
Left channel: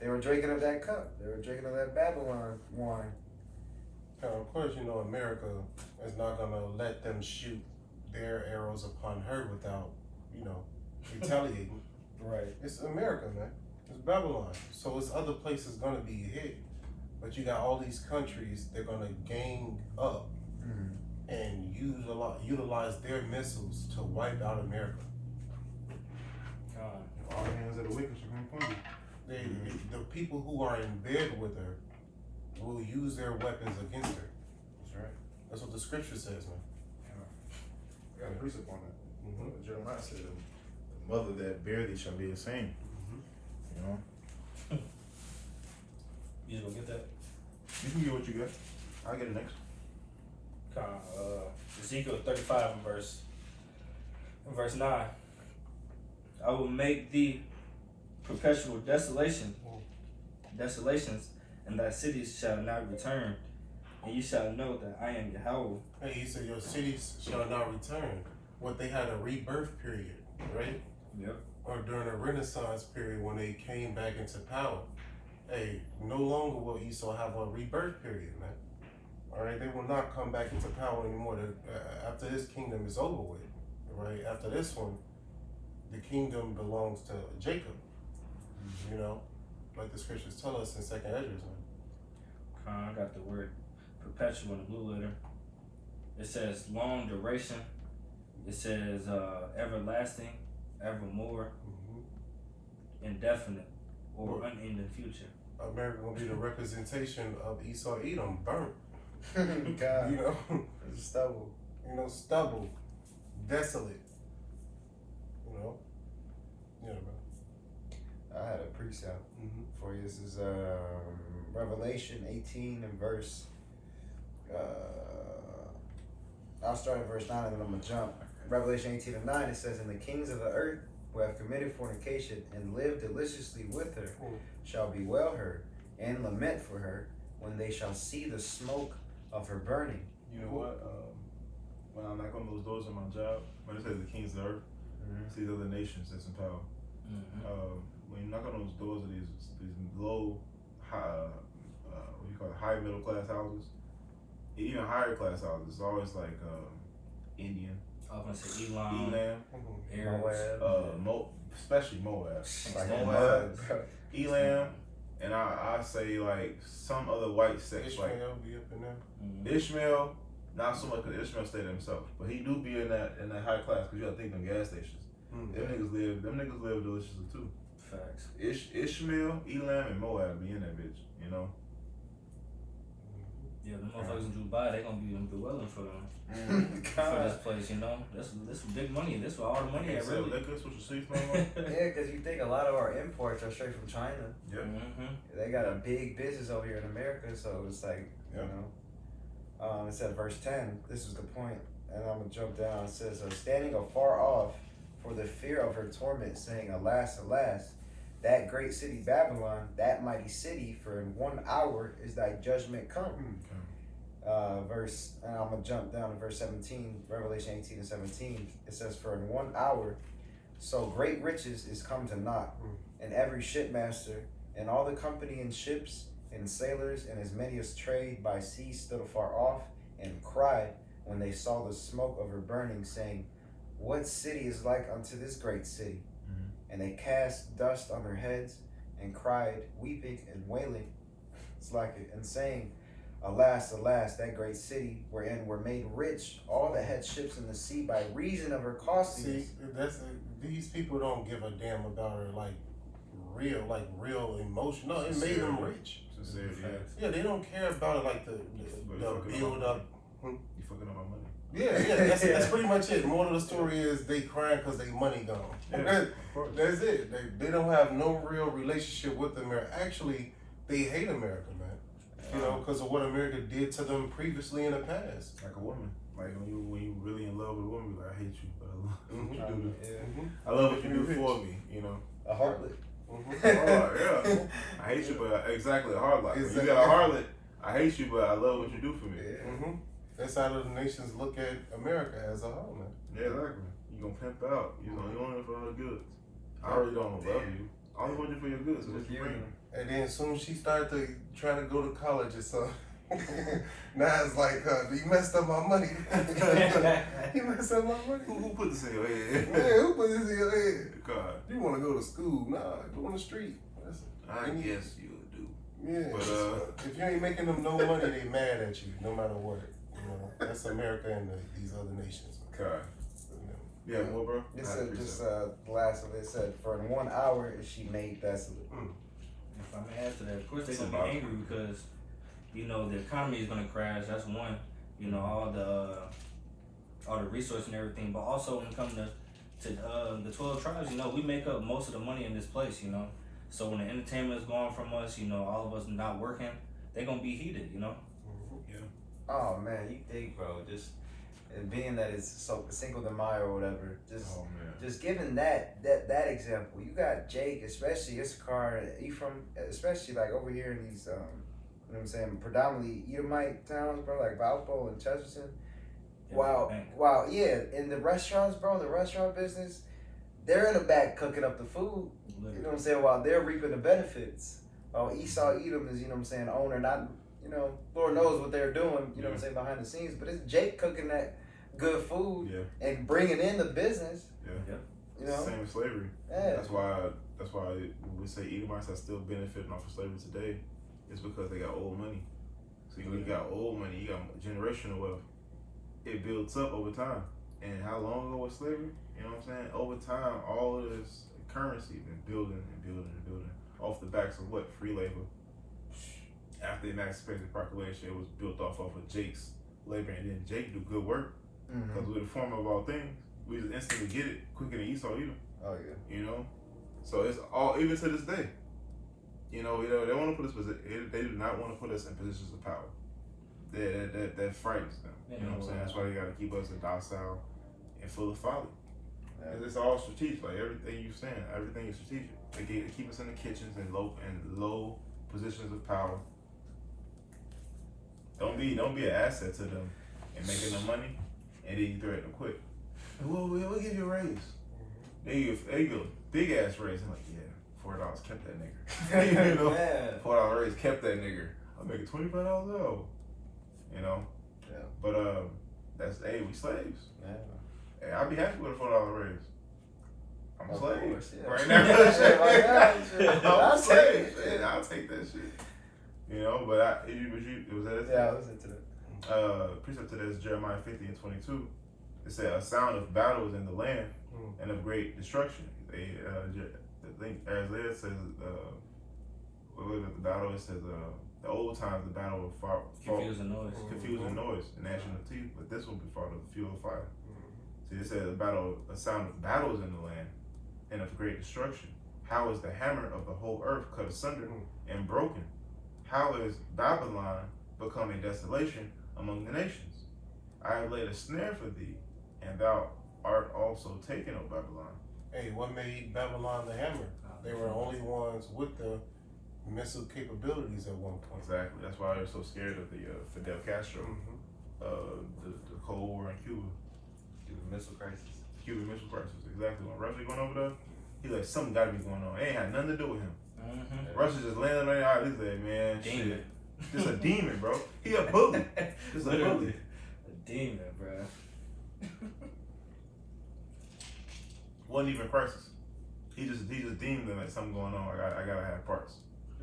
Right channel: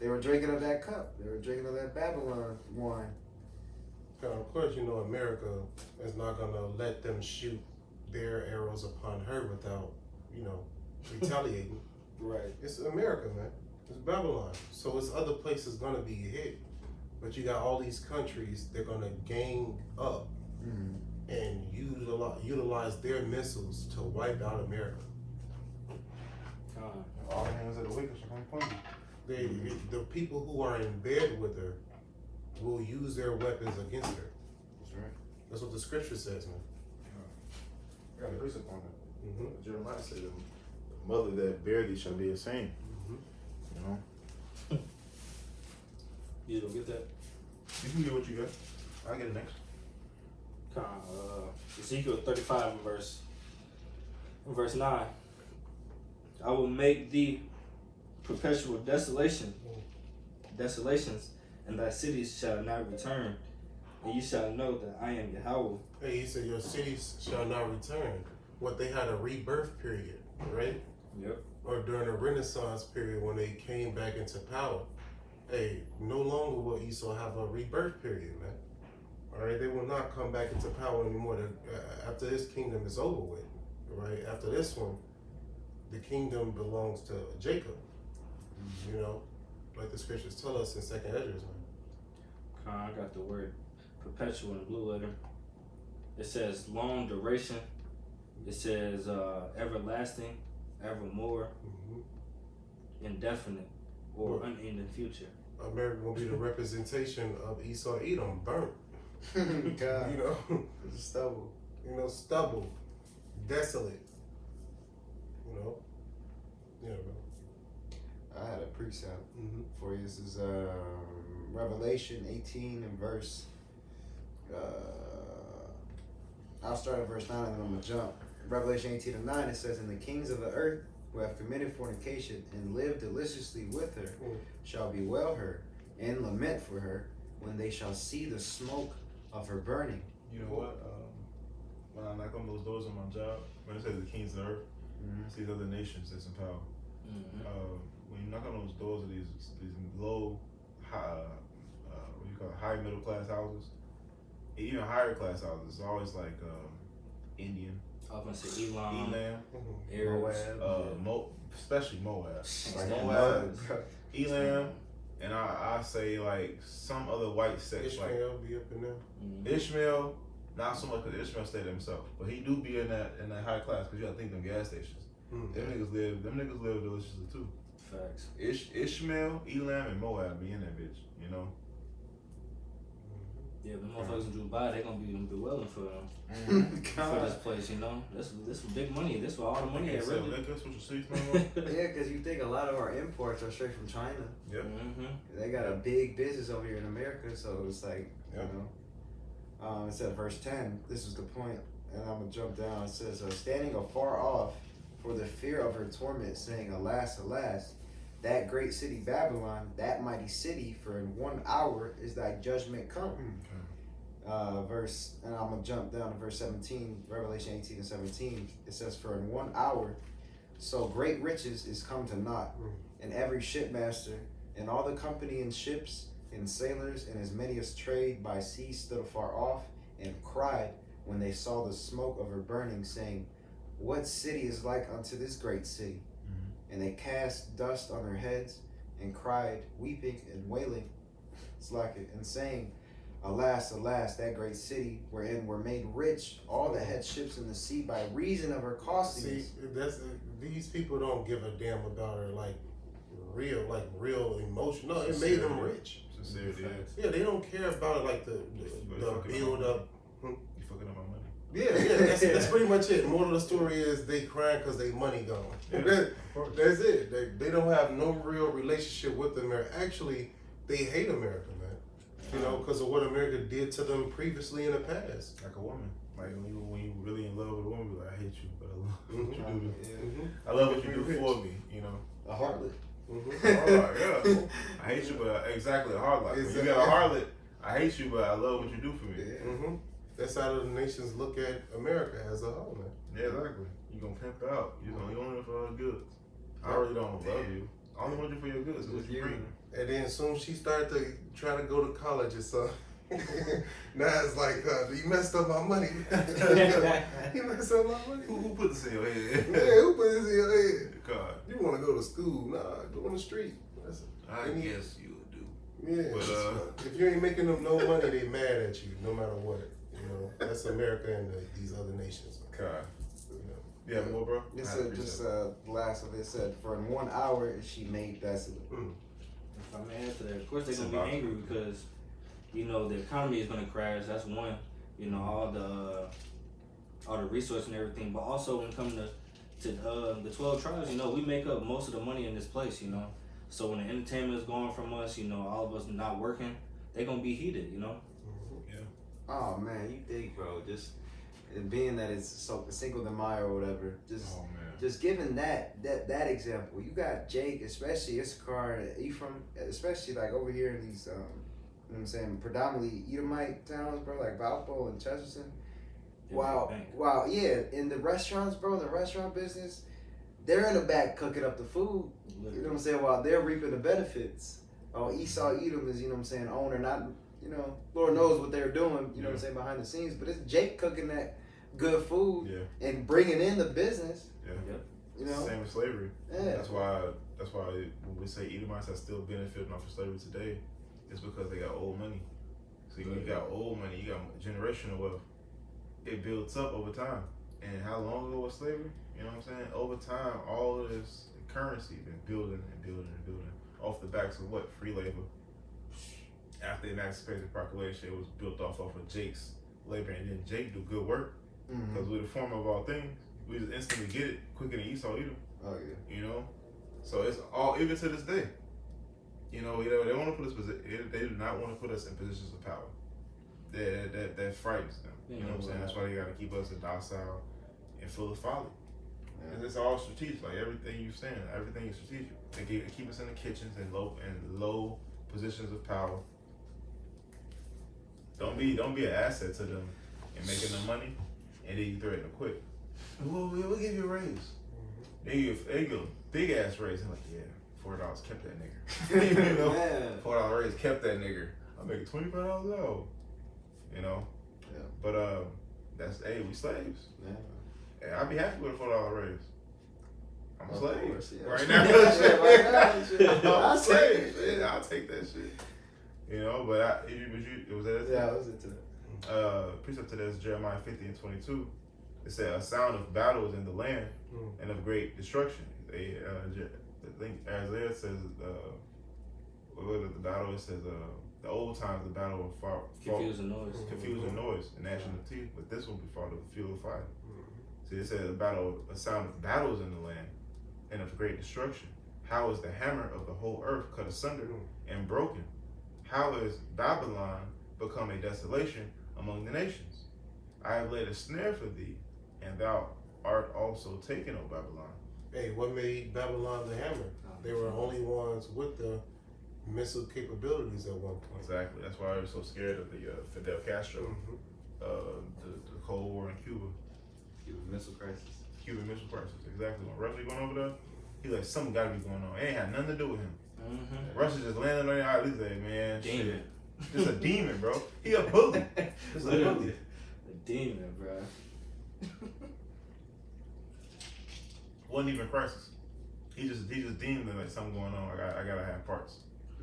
They were drinking of that cup. They were drinking of that Babylon wine. of course, you know, America is not going to let them shoot their arrows upon her without, you know, retaliating. Right. It's America, man. It's Babylon. So it's other places going to be hit. But you got all these countries, they're going to gang up and utilize their missiles to wipe out America. All the hands of the wicked shall come from The people who are in bed with her will use their weapons against her. That's right. That's what the scripture says, man. I got a precept on that. Jeremiah said, "The mother that bare thee shall be ashamed." You know. You gonna get that? You can get what you got. I'll get it next. Ezekiel 35 and verse 9. I will make thee perpetual desolations, and thy cities shall not return, and ye shall know that I am Yahweh. Hey, he said, your cities shall not return. What, they had a rebirth period, right? Yep. Or during a Renaissance period when they came back into power. Hey, no longer will Esau have a rebirth period, man. All right, they will not come back into power anymore. After this kingdom is over with, right? After this one, the kingdom belongs to Jacob. You know, like the scriptures tell us in 2nd Ezra, man. I got the word perpetual in the blue letter. It says long duration. It says everlasting, evermore, indefinite, or unending future. America will be the representation of Esau Edom, burnt. God. You know, It's stubble. you know, stubble, desolate. You know, yeah, bro. I had a precept for you. This is Revelation 18 and verse. I'll start at verse 9 and then I'm gonna jump. Revelation 18 and 9, it says, "And the kings of the earth who have committed fornication and lived deliciously with her shall bewail her, and lament for her when they shall see the smoke of her burning. You know what? When I knock on those doors on my job, when it says the kings of the earth, it's these other nations that's in power. When you knock on those doors of these low, high, what do you call it, high middle class houses, even higher class houses, it's always like Indian, I was gonna say Elam, Arabs, Arabs, especially Moab, Like Moab, Elam, and I say like some other white sex, Ishmael like be up in there. Ishmael. Not so much because Ishmael stayed himself, but he do be in that high class because you gotta think them gas stations. Them niggas live deliciously too. facts. Ishmael, Elam, and Moab be in that bitch, you know. Yeah, the motherfuckers in Dubai, they gonna be them dwelling for them. For this place, you know. This big money. This where all the money at, So really. liquor, switch your seats, man. Yeah, because you think a lot of our imports are straight from China. Yep. They got a big business over here in America, so it's like, you know. It said verse 10, this is the point, and I'm going to jump down. It says, standing afar off for the fear of her torment, saying, alas, alas, that great city Babylon, that mighty city, for in 1 hour is thy judgment come. And I'm going to jump down to verse 17, Revelation 18 and 17. It says, for in 1 hour, so great riches is come to naught, and every shipmaster, and all the company in ships, and sailors, and as many as trade by sea stood afar off, and cried when they saw the smoke of her burning, saying, what city is like unto this great city? And they cast dust on their heads, and cried, weeping and wailing, it's like it, and saying, alas, alas, that great city, wherein were made rich all that had ships in the sea by reason of her costliness. See, these people don't give a damn about her like real emotion. No, it made them rich. Yeah, they don't care about it like the build up. You fucking up my money. Yeah, that's pretty much it. Moral of the story is they crying because they money gone. That's it. They don't have no real relationship with America. Actually, they hate America, man. You know, because of what America did to them previously in the past. Like a woman. Like when you really in love with a woman, like, I hate you, but I love what you do. Yeah. I love what you do for me, you know. A harlot. Yeah. I hate you, but exactly a harlot. Exactly. You got a harlot. I hate you, but I love what you do for me. Yeah. That's how the nations look at America as a whole, man. Yeah, exactly. You gonna pimp out. You only it for the goods. I really don't love you. I only want you for your goods. So what you bring? And then soon she started to try to go to college or something. Now it's like, you messed up my money. You messed up my money. Who put this in your head? Yeah, who put this in your head? God. You want to go to school? Nah, go on the street. I guess you would do. Yeah. But if you ain't making them no money, they mad at you no matter what. You know, that's America and these other nations. God. You have more, bro? It said the last of it said, for in 1 hour is she made desolate. If I may add to that, of course they're gonna be angry because, you know, the economy is gonna crash. That's one. You know, all the resources and everything. But also when it comes to the 12 tribes, you know, we make up most of the money in this place. You know, so when the entertainment is gone from us, you know, all of us not working, they're gonna be heated. You know. Yeah. Oh man, you think, bro? Just being that it's so Cinco de Mayo or whatever. Just giving that example. You got Jake, especially Issachar, Ephraim, especially like over here in these, you know what I'm saying, predominantly Edomite towns, bro, like Valpo and Chesterton. Wow, yeah, in the restaurants, bro, the restaurant business, they're in the back cooking up the food. You know what I'm saying? While they're reaping the benefits. Oh, Esau, Edom is, you know what I'm saying, owner, not, you know, Lord knows what they're doing, you know what I'm saying, behind the scenes. But it's Jake cooking that good food and bringing in the business. Yeah. You know? Same with slavery. Yeah. That's why when we say Edomites are still benefiting off of slavery today, it's because they got old money. So you got old money, you got generational wealth. It builds up over time. And how long ago was slavery? You know what I'm saying? Over time, all of this currency been building and building and building off the backs of what? Free labor. After the Emancipation Proclamation, it was built off of Jake's labor, and then Jake do good work because we're the former of all things. We just instantly get it quicker than Esau either. Oh yeah. You know, so it's all even to this day. You know, they want to put us. They do not want to put us in positions of power. That frightens them. You know what I'm saying? That's why they got to keep us docile and full of folly. Yeah. It's all strategic. Like everything you're saying, everything is strategic. They keep us in the kitchens and low positions of power. Don't be an asset to them and making them money, and then you threaten to quit. We'll give you a raise. They give a big ass raise. I'm like, yeah, $4 kept that nigga. You know, $4 raise kept that nigga. I'm making $25 out. You know, Yeah. But that's we slaves. Yeah. Hey, I'd be happy with a $4 raise. I'm a Of slave course, yeah. right now. Yeah, right now, shit. I'm I'll a slave. take it. I'll take that shit. You know, but was that? Yeah, I was into that. Precept to this, Jeremiah 50 and 22. It said, a sound of battle is in the land and of great destruction. I think Isaiah says, what was it, the battle? It says, the old times, the battle of far, Confusing noise. confusing noise, and gnashing of teeth, but this will be fought of fuel of fire. See, it says, a sound of battle is in the land and of great destruction. How is the hammer of the whole earth cut asunder and broken? How is Babylon become a desolation among the nations? I have laid a snare for thee, and thou art also taken, O Babylon. Hey, what made Babylon the hammer? They were the only ones with the missile capabilities at one point. Exactly. That's why I was so scared of the Fidel Castro, the Cold War in Cuba. Cuban Missile Crisis. Cuban Missile Crisis. Exactly. When Russia going over there, he like, something got to be going on. It ain't had nothing to do with him. Russia just landed on the island. He's like, man, Demon. shit. Just a demon, bro. He a bully. Just a bully. A demon, bro. Wasn't even crisis. He just deemed that like something going on. I gotta have parts.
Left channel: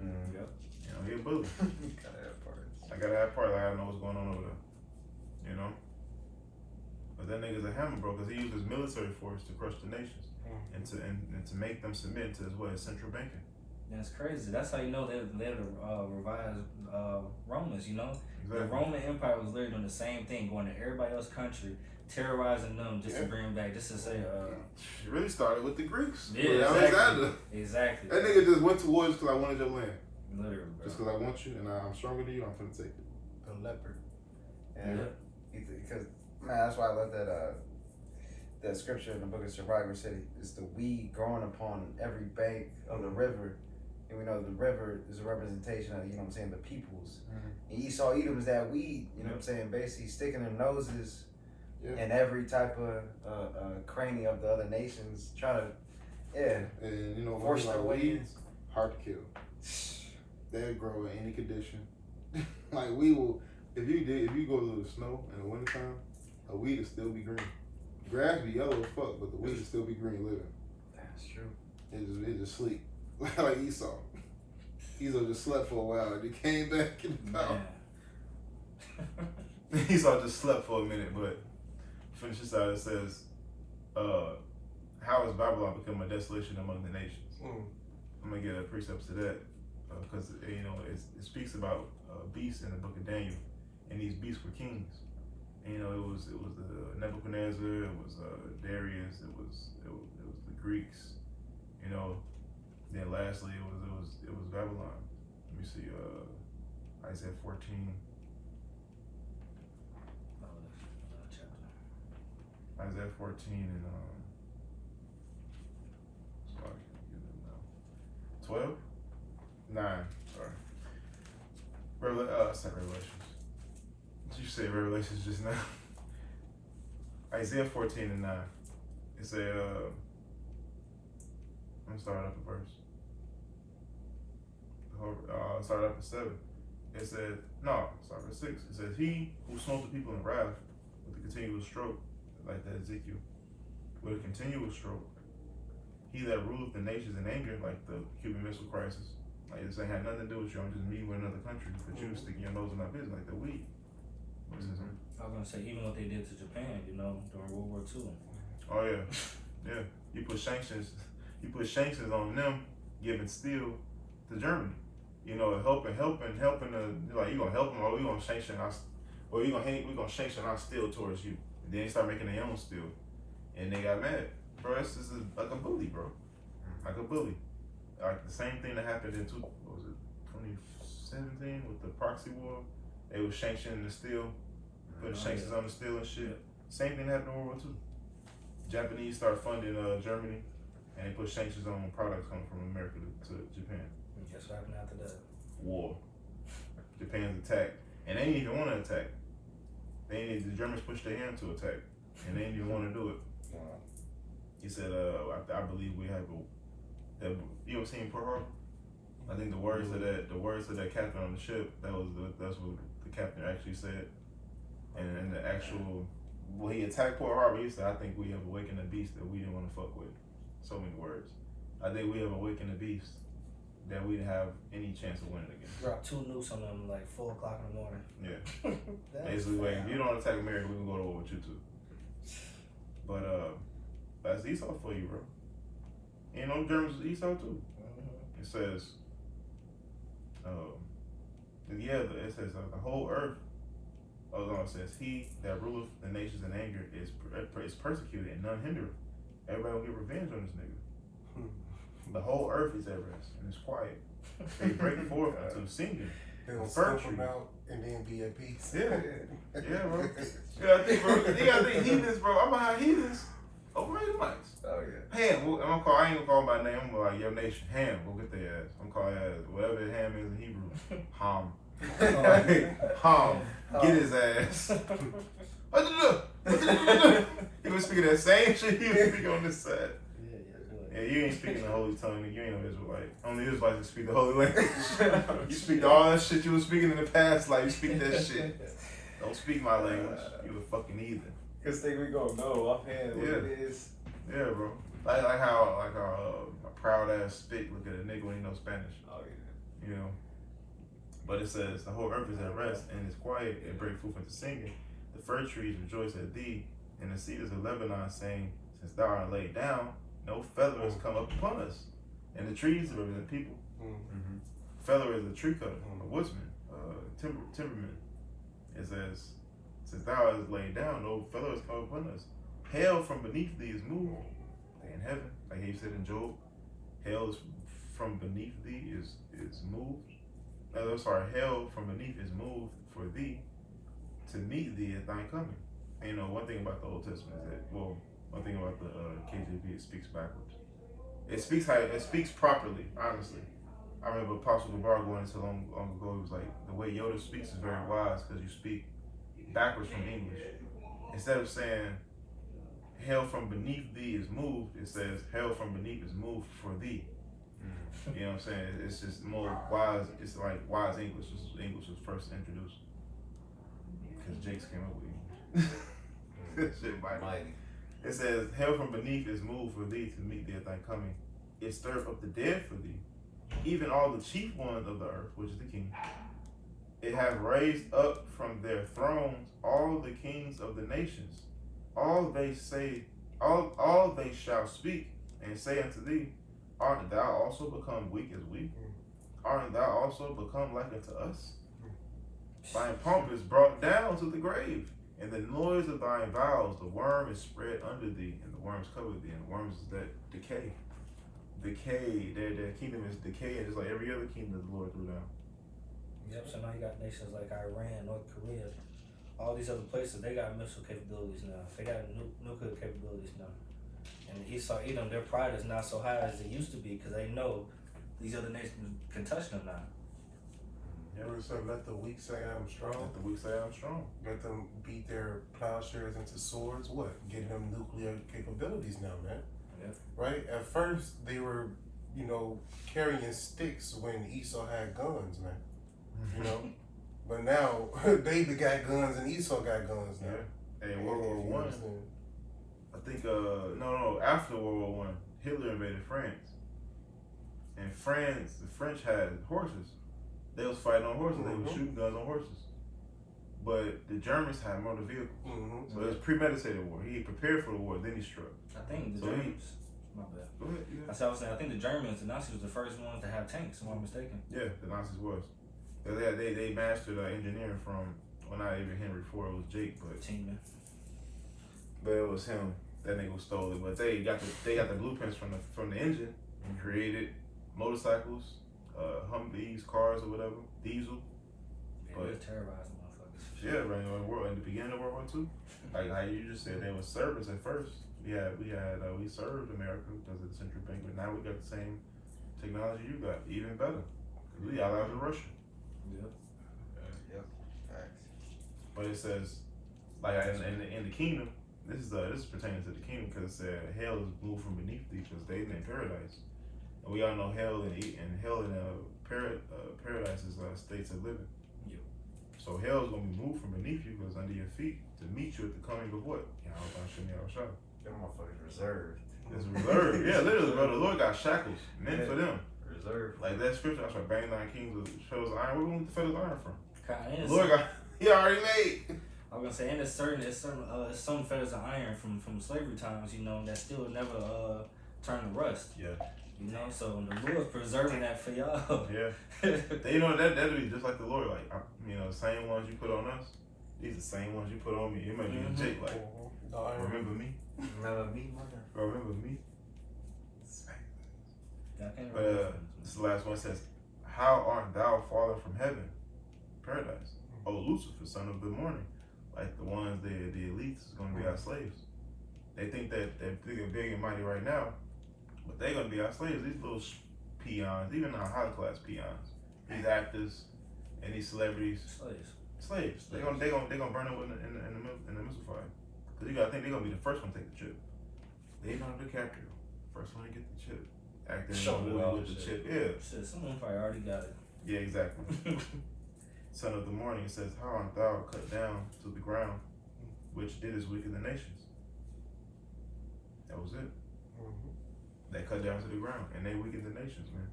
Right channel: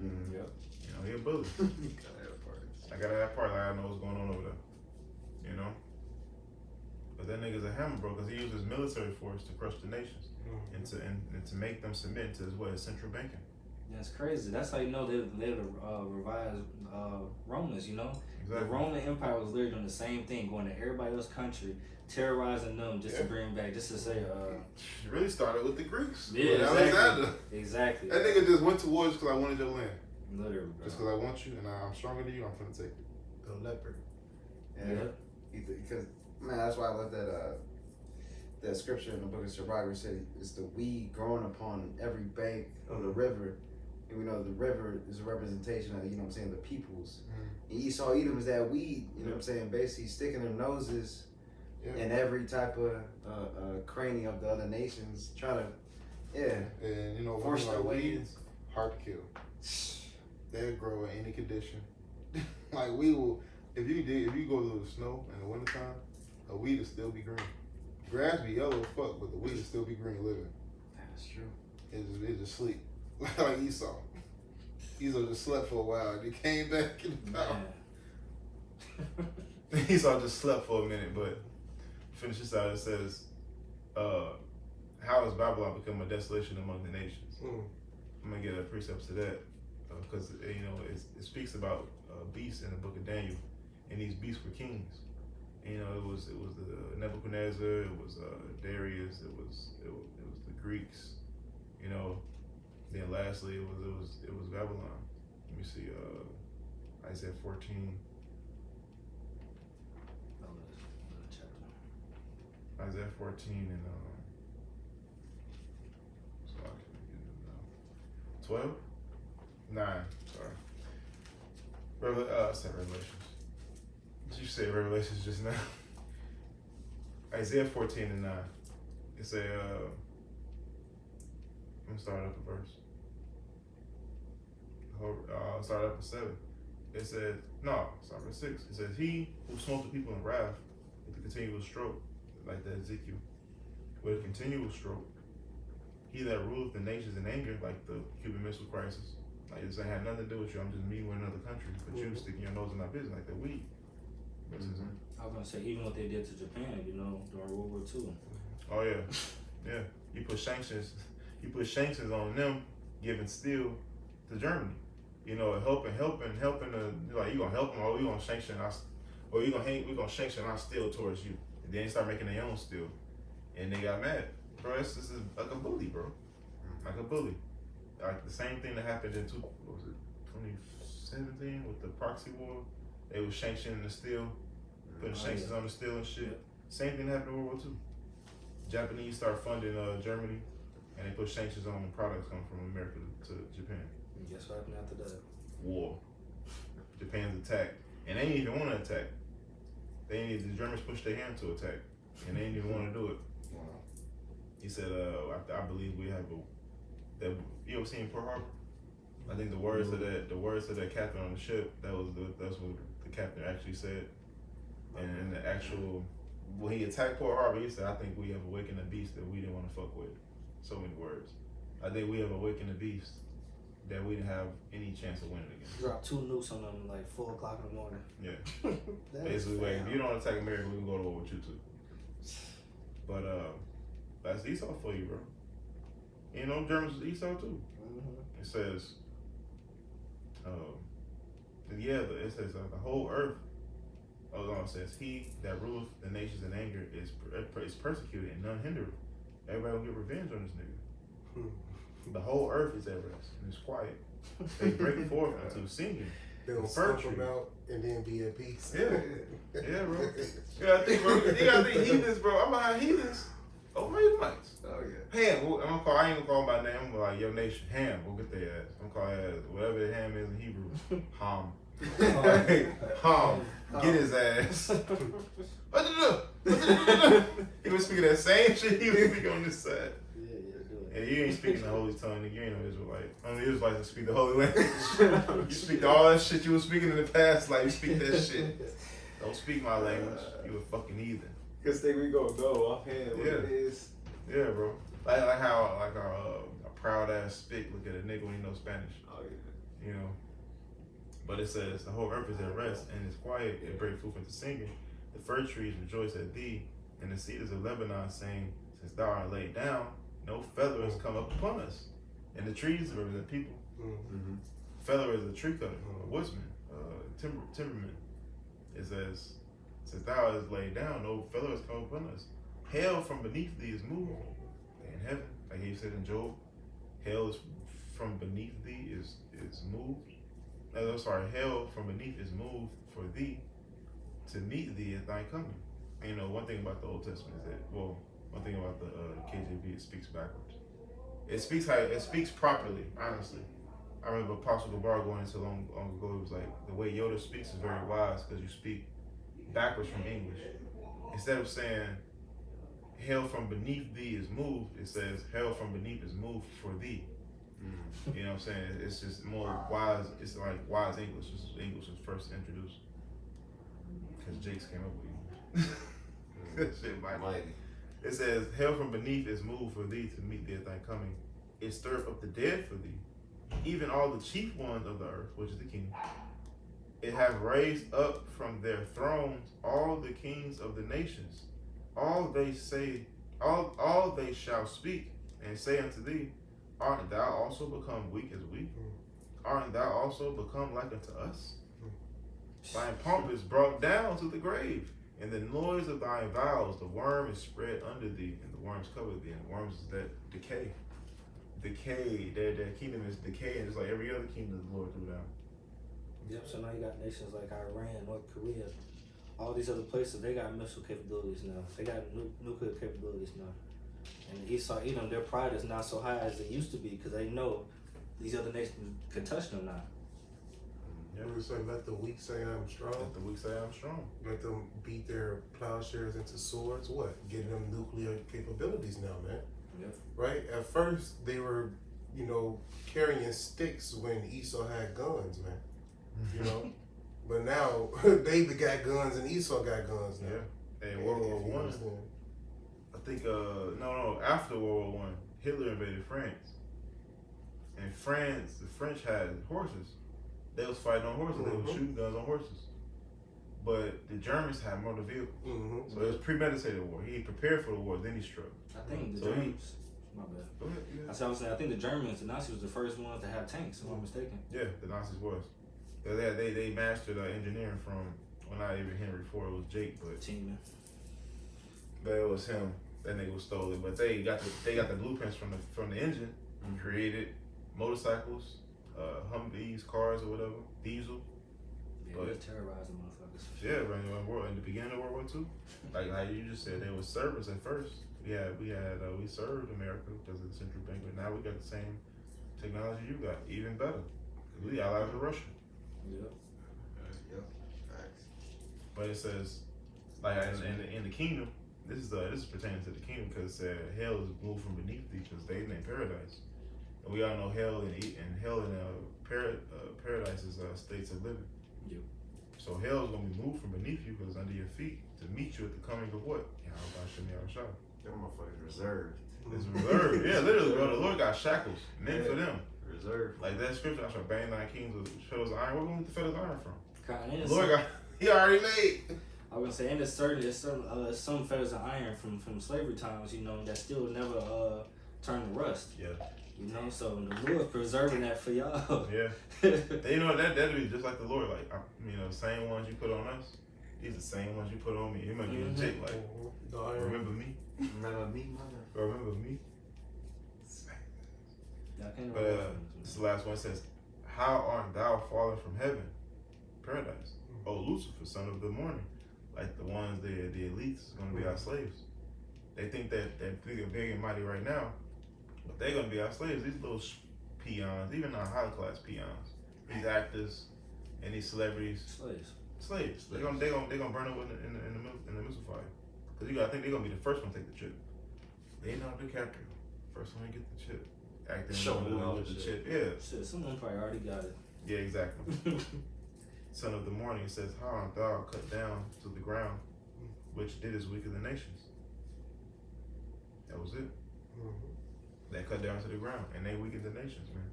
Yep. You know, he a bully. Gotta have parts. I gotta have parts. I gotta know what's going on over there. You know. But that nigga's a hammer, bro, because he used his military force to crush the nations and to make them submit to his central banking. That's crazy. That's how you know they're the revised Romans, you know? Exactly. The Roman Empire was literally doing the same thing, going to everybody else's country, terrorizing them just to bring them back, just to say, It really started with the Greeks. yeah, With exactly. Alexander. Exactly. That nigga just went to war just because I wanted your land. Literally, bro. Just because I want you and I'm stronger than you, I'm finna take it. The leopard. And because man, that's why I love that scripture in the book of Sirach where it said it's the weed growing upon every bank of the river. And we know the river is a representation of, you know what I'm saying, the peoples. And Esau Edom is that weed, you know what I'm saying, basically sticking their noses in every type of cranny of the other nations, trying to, And you know, force their way in. weeds, hard to kill. They'll grow in any condition. Like we will, if you go to the snow in the wintertime, a weed will still be green. Grass be yellow as fuck, but the weed will still be green living. That's true. It just sleep. Like Esau. Esau just slept for a while and he came back in the power. Esau just slept for a minute, but finish this out. It says, how has Babylon become a desolation among the nations? I'm gonna get a precept to that because you know it speaks about beasts in the book of Daniel, and these beasts were kings. And, you know, it was the Nebuchadnezzar, it was Darius, it was the Greeks, you know. Then lastly, it was Babylon. Let me see, Isaiah 14. Isaiah 14 and so I can get it now. 12? 9, sorry. It's not Revelations. Did you say Revelations just now? Isaiah 14 and 9. It said, I'm gonna start up a verse. Start up at 7. It said, no, start at 6. It says, he who smote the people in wrath with a continual stroke, like that Ezekiel, with a continual stroke, he that ruleth the nations in anger, like the Cuban Missile Crisis. Like this ain't had nothing to do with you. I'm just me with another country, but you sticking your nose in my business like the weed. I was gonna say, even what they did to Japan, you know, during World War II. Oh yeah. You put sanctions on them, giving steel to Germany. You know, helping like you gonna help them, or we gonna sanction us, or we gonna sanction our steel towards you. And then they start making their own steel, and they got mad, bro. This is like a bully, bro, like a bully. Like the same thing that happened in 2017 with the proxy war. They was sanctioning the steel, putting sanctions on the steel and shit. Same thing happened in World War II. Japanese started funding Germany and they put sanctions on products coming from America to Japan. Guess what happened after that? War. Japan's attack, and they didn't even want to attack. The Germans pushed their hand to attack, and they didn't even want to do it. Wow. He said, I believe we have you ever seen Pearl Harbor? I think the words of that captain on the ship, that's what the captain actually said. And the actual, when he attacked Pearl Harbor, he said, I think we have awakened a beast that we didn't want to fuck with. So many words. I think we have awakened a beast that we didn't have any chance of winning against. Dropped 2 nukes on them like 4 o'clock in the morning. Yeah. Basically, like, if you don't attack America, we can go to war with you too. But that's Esau for you, bro. You know, Germans is Esau too. Mm-hmm. It says, it says the whole earth. It says, he that ruleth the nations in anger is persecuted and none hindered. Everybody will get revenge on this nigga. The whole earth is at rest and it's quiet. They break forth into singing. They're gonna stomp them out and then be at peace. Yeah, bro. You gotta think, bro. You gotta think heathens, bro. I'm behind heathens over Edomites. Oh yeah. Ham, I ain't gonna call him by name. I'm gonna like, your nation, Ham, go get their ass. I'm calling ass, whatever Ham is in Hebrew, Ham. Ham, get his ass. He was speaking that same shit he was speaking on this side. Yeah, you ain't speaking the holy tongue, nigga. You ain't no Israelite. Only Israelites that speak the holy language. You speak all that shit you was speaking in the past, like you speak that shit. Don't speak my language. You a fucking heathen. Cause think we gonna know offhand what it is. Yeah, bro. Like how a proud ass spit look at a nigga when he knows Spanish. Oh yeah. You know. But it says the whole earth is at rest and it's quiet and break forth into singing. The fir trees rejoice at thee, and the cedars of Lebanon saying, since thou art laid down, no feather has come up upon us. And the trees represent people. Mm-hmm. Feather is a tree cutter, a woodsman, timberman. It says, since thou art laid down, no feather has come upon us. Hell from beneath thee is moved. Like in heaven, like he said in Job, hell is from beneath thee is moved. Hell from beneath is moved for thee to meet thee at thy coming. And, you know, one thing about the Old Testament is that, one thing about the KJV, it speaks backwards. It speaks properly, honestly. I remember Apostle Gabar going into long ago, he was like, the way Yoda speaks is very wise because you speak backwards from English. Instead of saying, hell from beneath thee is moved, it says, hell from beneath is moved for thee. You know what I'm saying? It's just more wise. It's like wise English. English was first introduced because Jakes came up with English. Shit, Mike. It says, hell from beneath is moved for thee to meet thee at thy coming. It stirred up the dead for thee, even all the chief ones of the earth, which is the king. It hath raised up from their thrones all the kings of the nations. All they shall speak and say unto thee, art thou also become weak as we? Art thou also become like unto us? Thine pomp is brought down to the grave, and the noise of thy vows, the worm is spread under thee, and the worms cover thee, and the worms is that decay. Their kingdom is decaying, just like every other kingdom the Lord threw down. Yep, so now you got nations like Iran, North Korea, all these other places, they got missile capabilities now. They got nuclear capabilities now. And Esau, Edom, their pride is not so high as it used to be because they know these other nations can touch them now. Yeah, so let the weak say I'm strong. Let the weak say I'm strong. Let them beat their plowshares into swords. What? Getting them nuclear capabilities now, man. Yeah. Right? At first, they were, carrying sticks when Esau had guns, man. You know? But now, David got guns and Esau got guns now. Yeah. And World War I. I think, after World War I, Hitler invaded France. And the French had horses. They was fighting on horses. They was shooting guns on horses. But the Germans had motor vehicles. So it was premeditated war. He prepared for the war, then he struck. I think the Germans, my bad. Go ahead. Yeah. That's what I was saying. I think the Germans, the Nazis, was the first ones to have tanks, if I'm not mistaken. Yeah, the Nazis was. They mastered engineering from, well, not even Henry Ford, it was Jake, but it was him. That nigga stole it, but they got the blueprints from the engine and created motorcycles, Humvees, cars or whatever, diesel. Yeah, but they was terrorizing motherfuckers. Yeah, right. In the beginning of World War II, like you just said, they were servants at first. We served America because of the central bank, but now we got the same technology you got, even better. We allies with Russia. Yep. Yep. Facts. But it says, like in the kingdom, this is pertaining to the kingdom because it said hell is moved from beneath thee because they in paradise, and we all know hell and paradise is states of living. Yep. So hell is gonna be moved from beneath you because under your feet to meet you at the coming of what? Yahweh. Them motherfuckers reserved. It's reserved. Yeah, literally, bro. The Lord got shackles meant for them. Reserved. Like that scripture, I shall bang 9 kings with fetters of iron. Where we want the fetters of iron from? And The Lord got. He already made. I was gonna say, and there's some fetters of iron from slavery times, you know, that still never turn to rust. Yeah. You know, so the Lord's preserving that for y'all. Yeah. You know that'd be just like the Lord. Like the same ones you put on us. These the same ones you put on me. You might be legit. Like, remember me? Remember me, mother. Remember me? But This is the last one. It says, "How art thou fallen from heaven, paradise? O Lucifer, son of the morning." Like the ones, the elites is gonna be our slaves. They think that they're big and mighty right now, but they're gonna be our slaves. These little peons, even our high class peons, these actors and these celebrities, slaves. They're gonna burn up in the missile fire. Cause I think they're gonna be the first one to take the chip. Leonardo DiCaprio, first one to get the chip, acting in the movie with the chip. Yeah. Shit, someone probably already got it. Yeah, exactly. Son of the morning, it says, "How art thou cut down to the ground, which didst weaken the nations?" That was it. They cut down to the ground and they weakened the nations, man.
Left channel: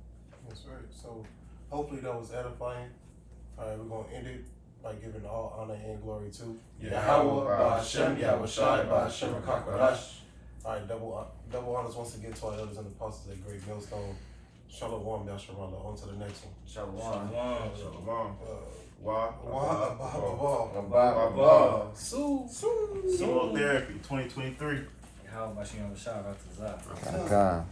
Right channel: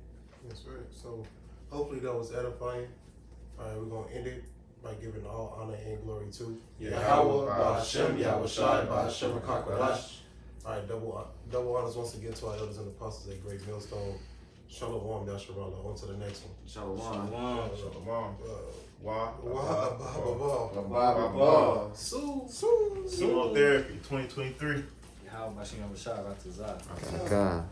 That's right. So hopefully that was edifying. All right, we're gonna end it by giving all honor and glory to Yahweh, Ba'Hashem, Yahweh Shai, Ba'Hashem, Hakadash. All right, double honors once again to our elders and apostles at Great Millstone. Shalom, Yasharallah. On to the next one. Shalom. Shalom. Wah. Chemotherapy 2023. How much you gonna shout out to Zah? God.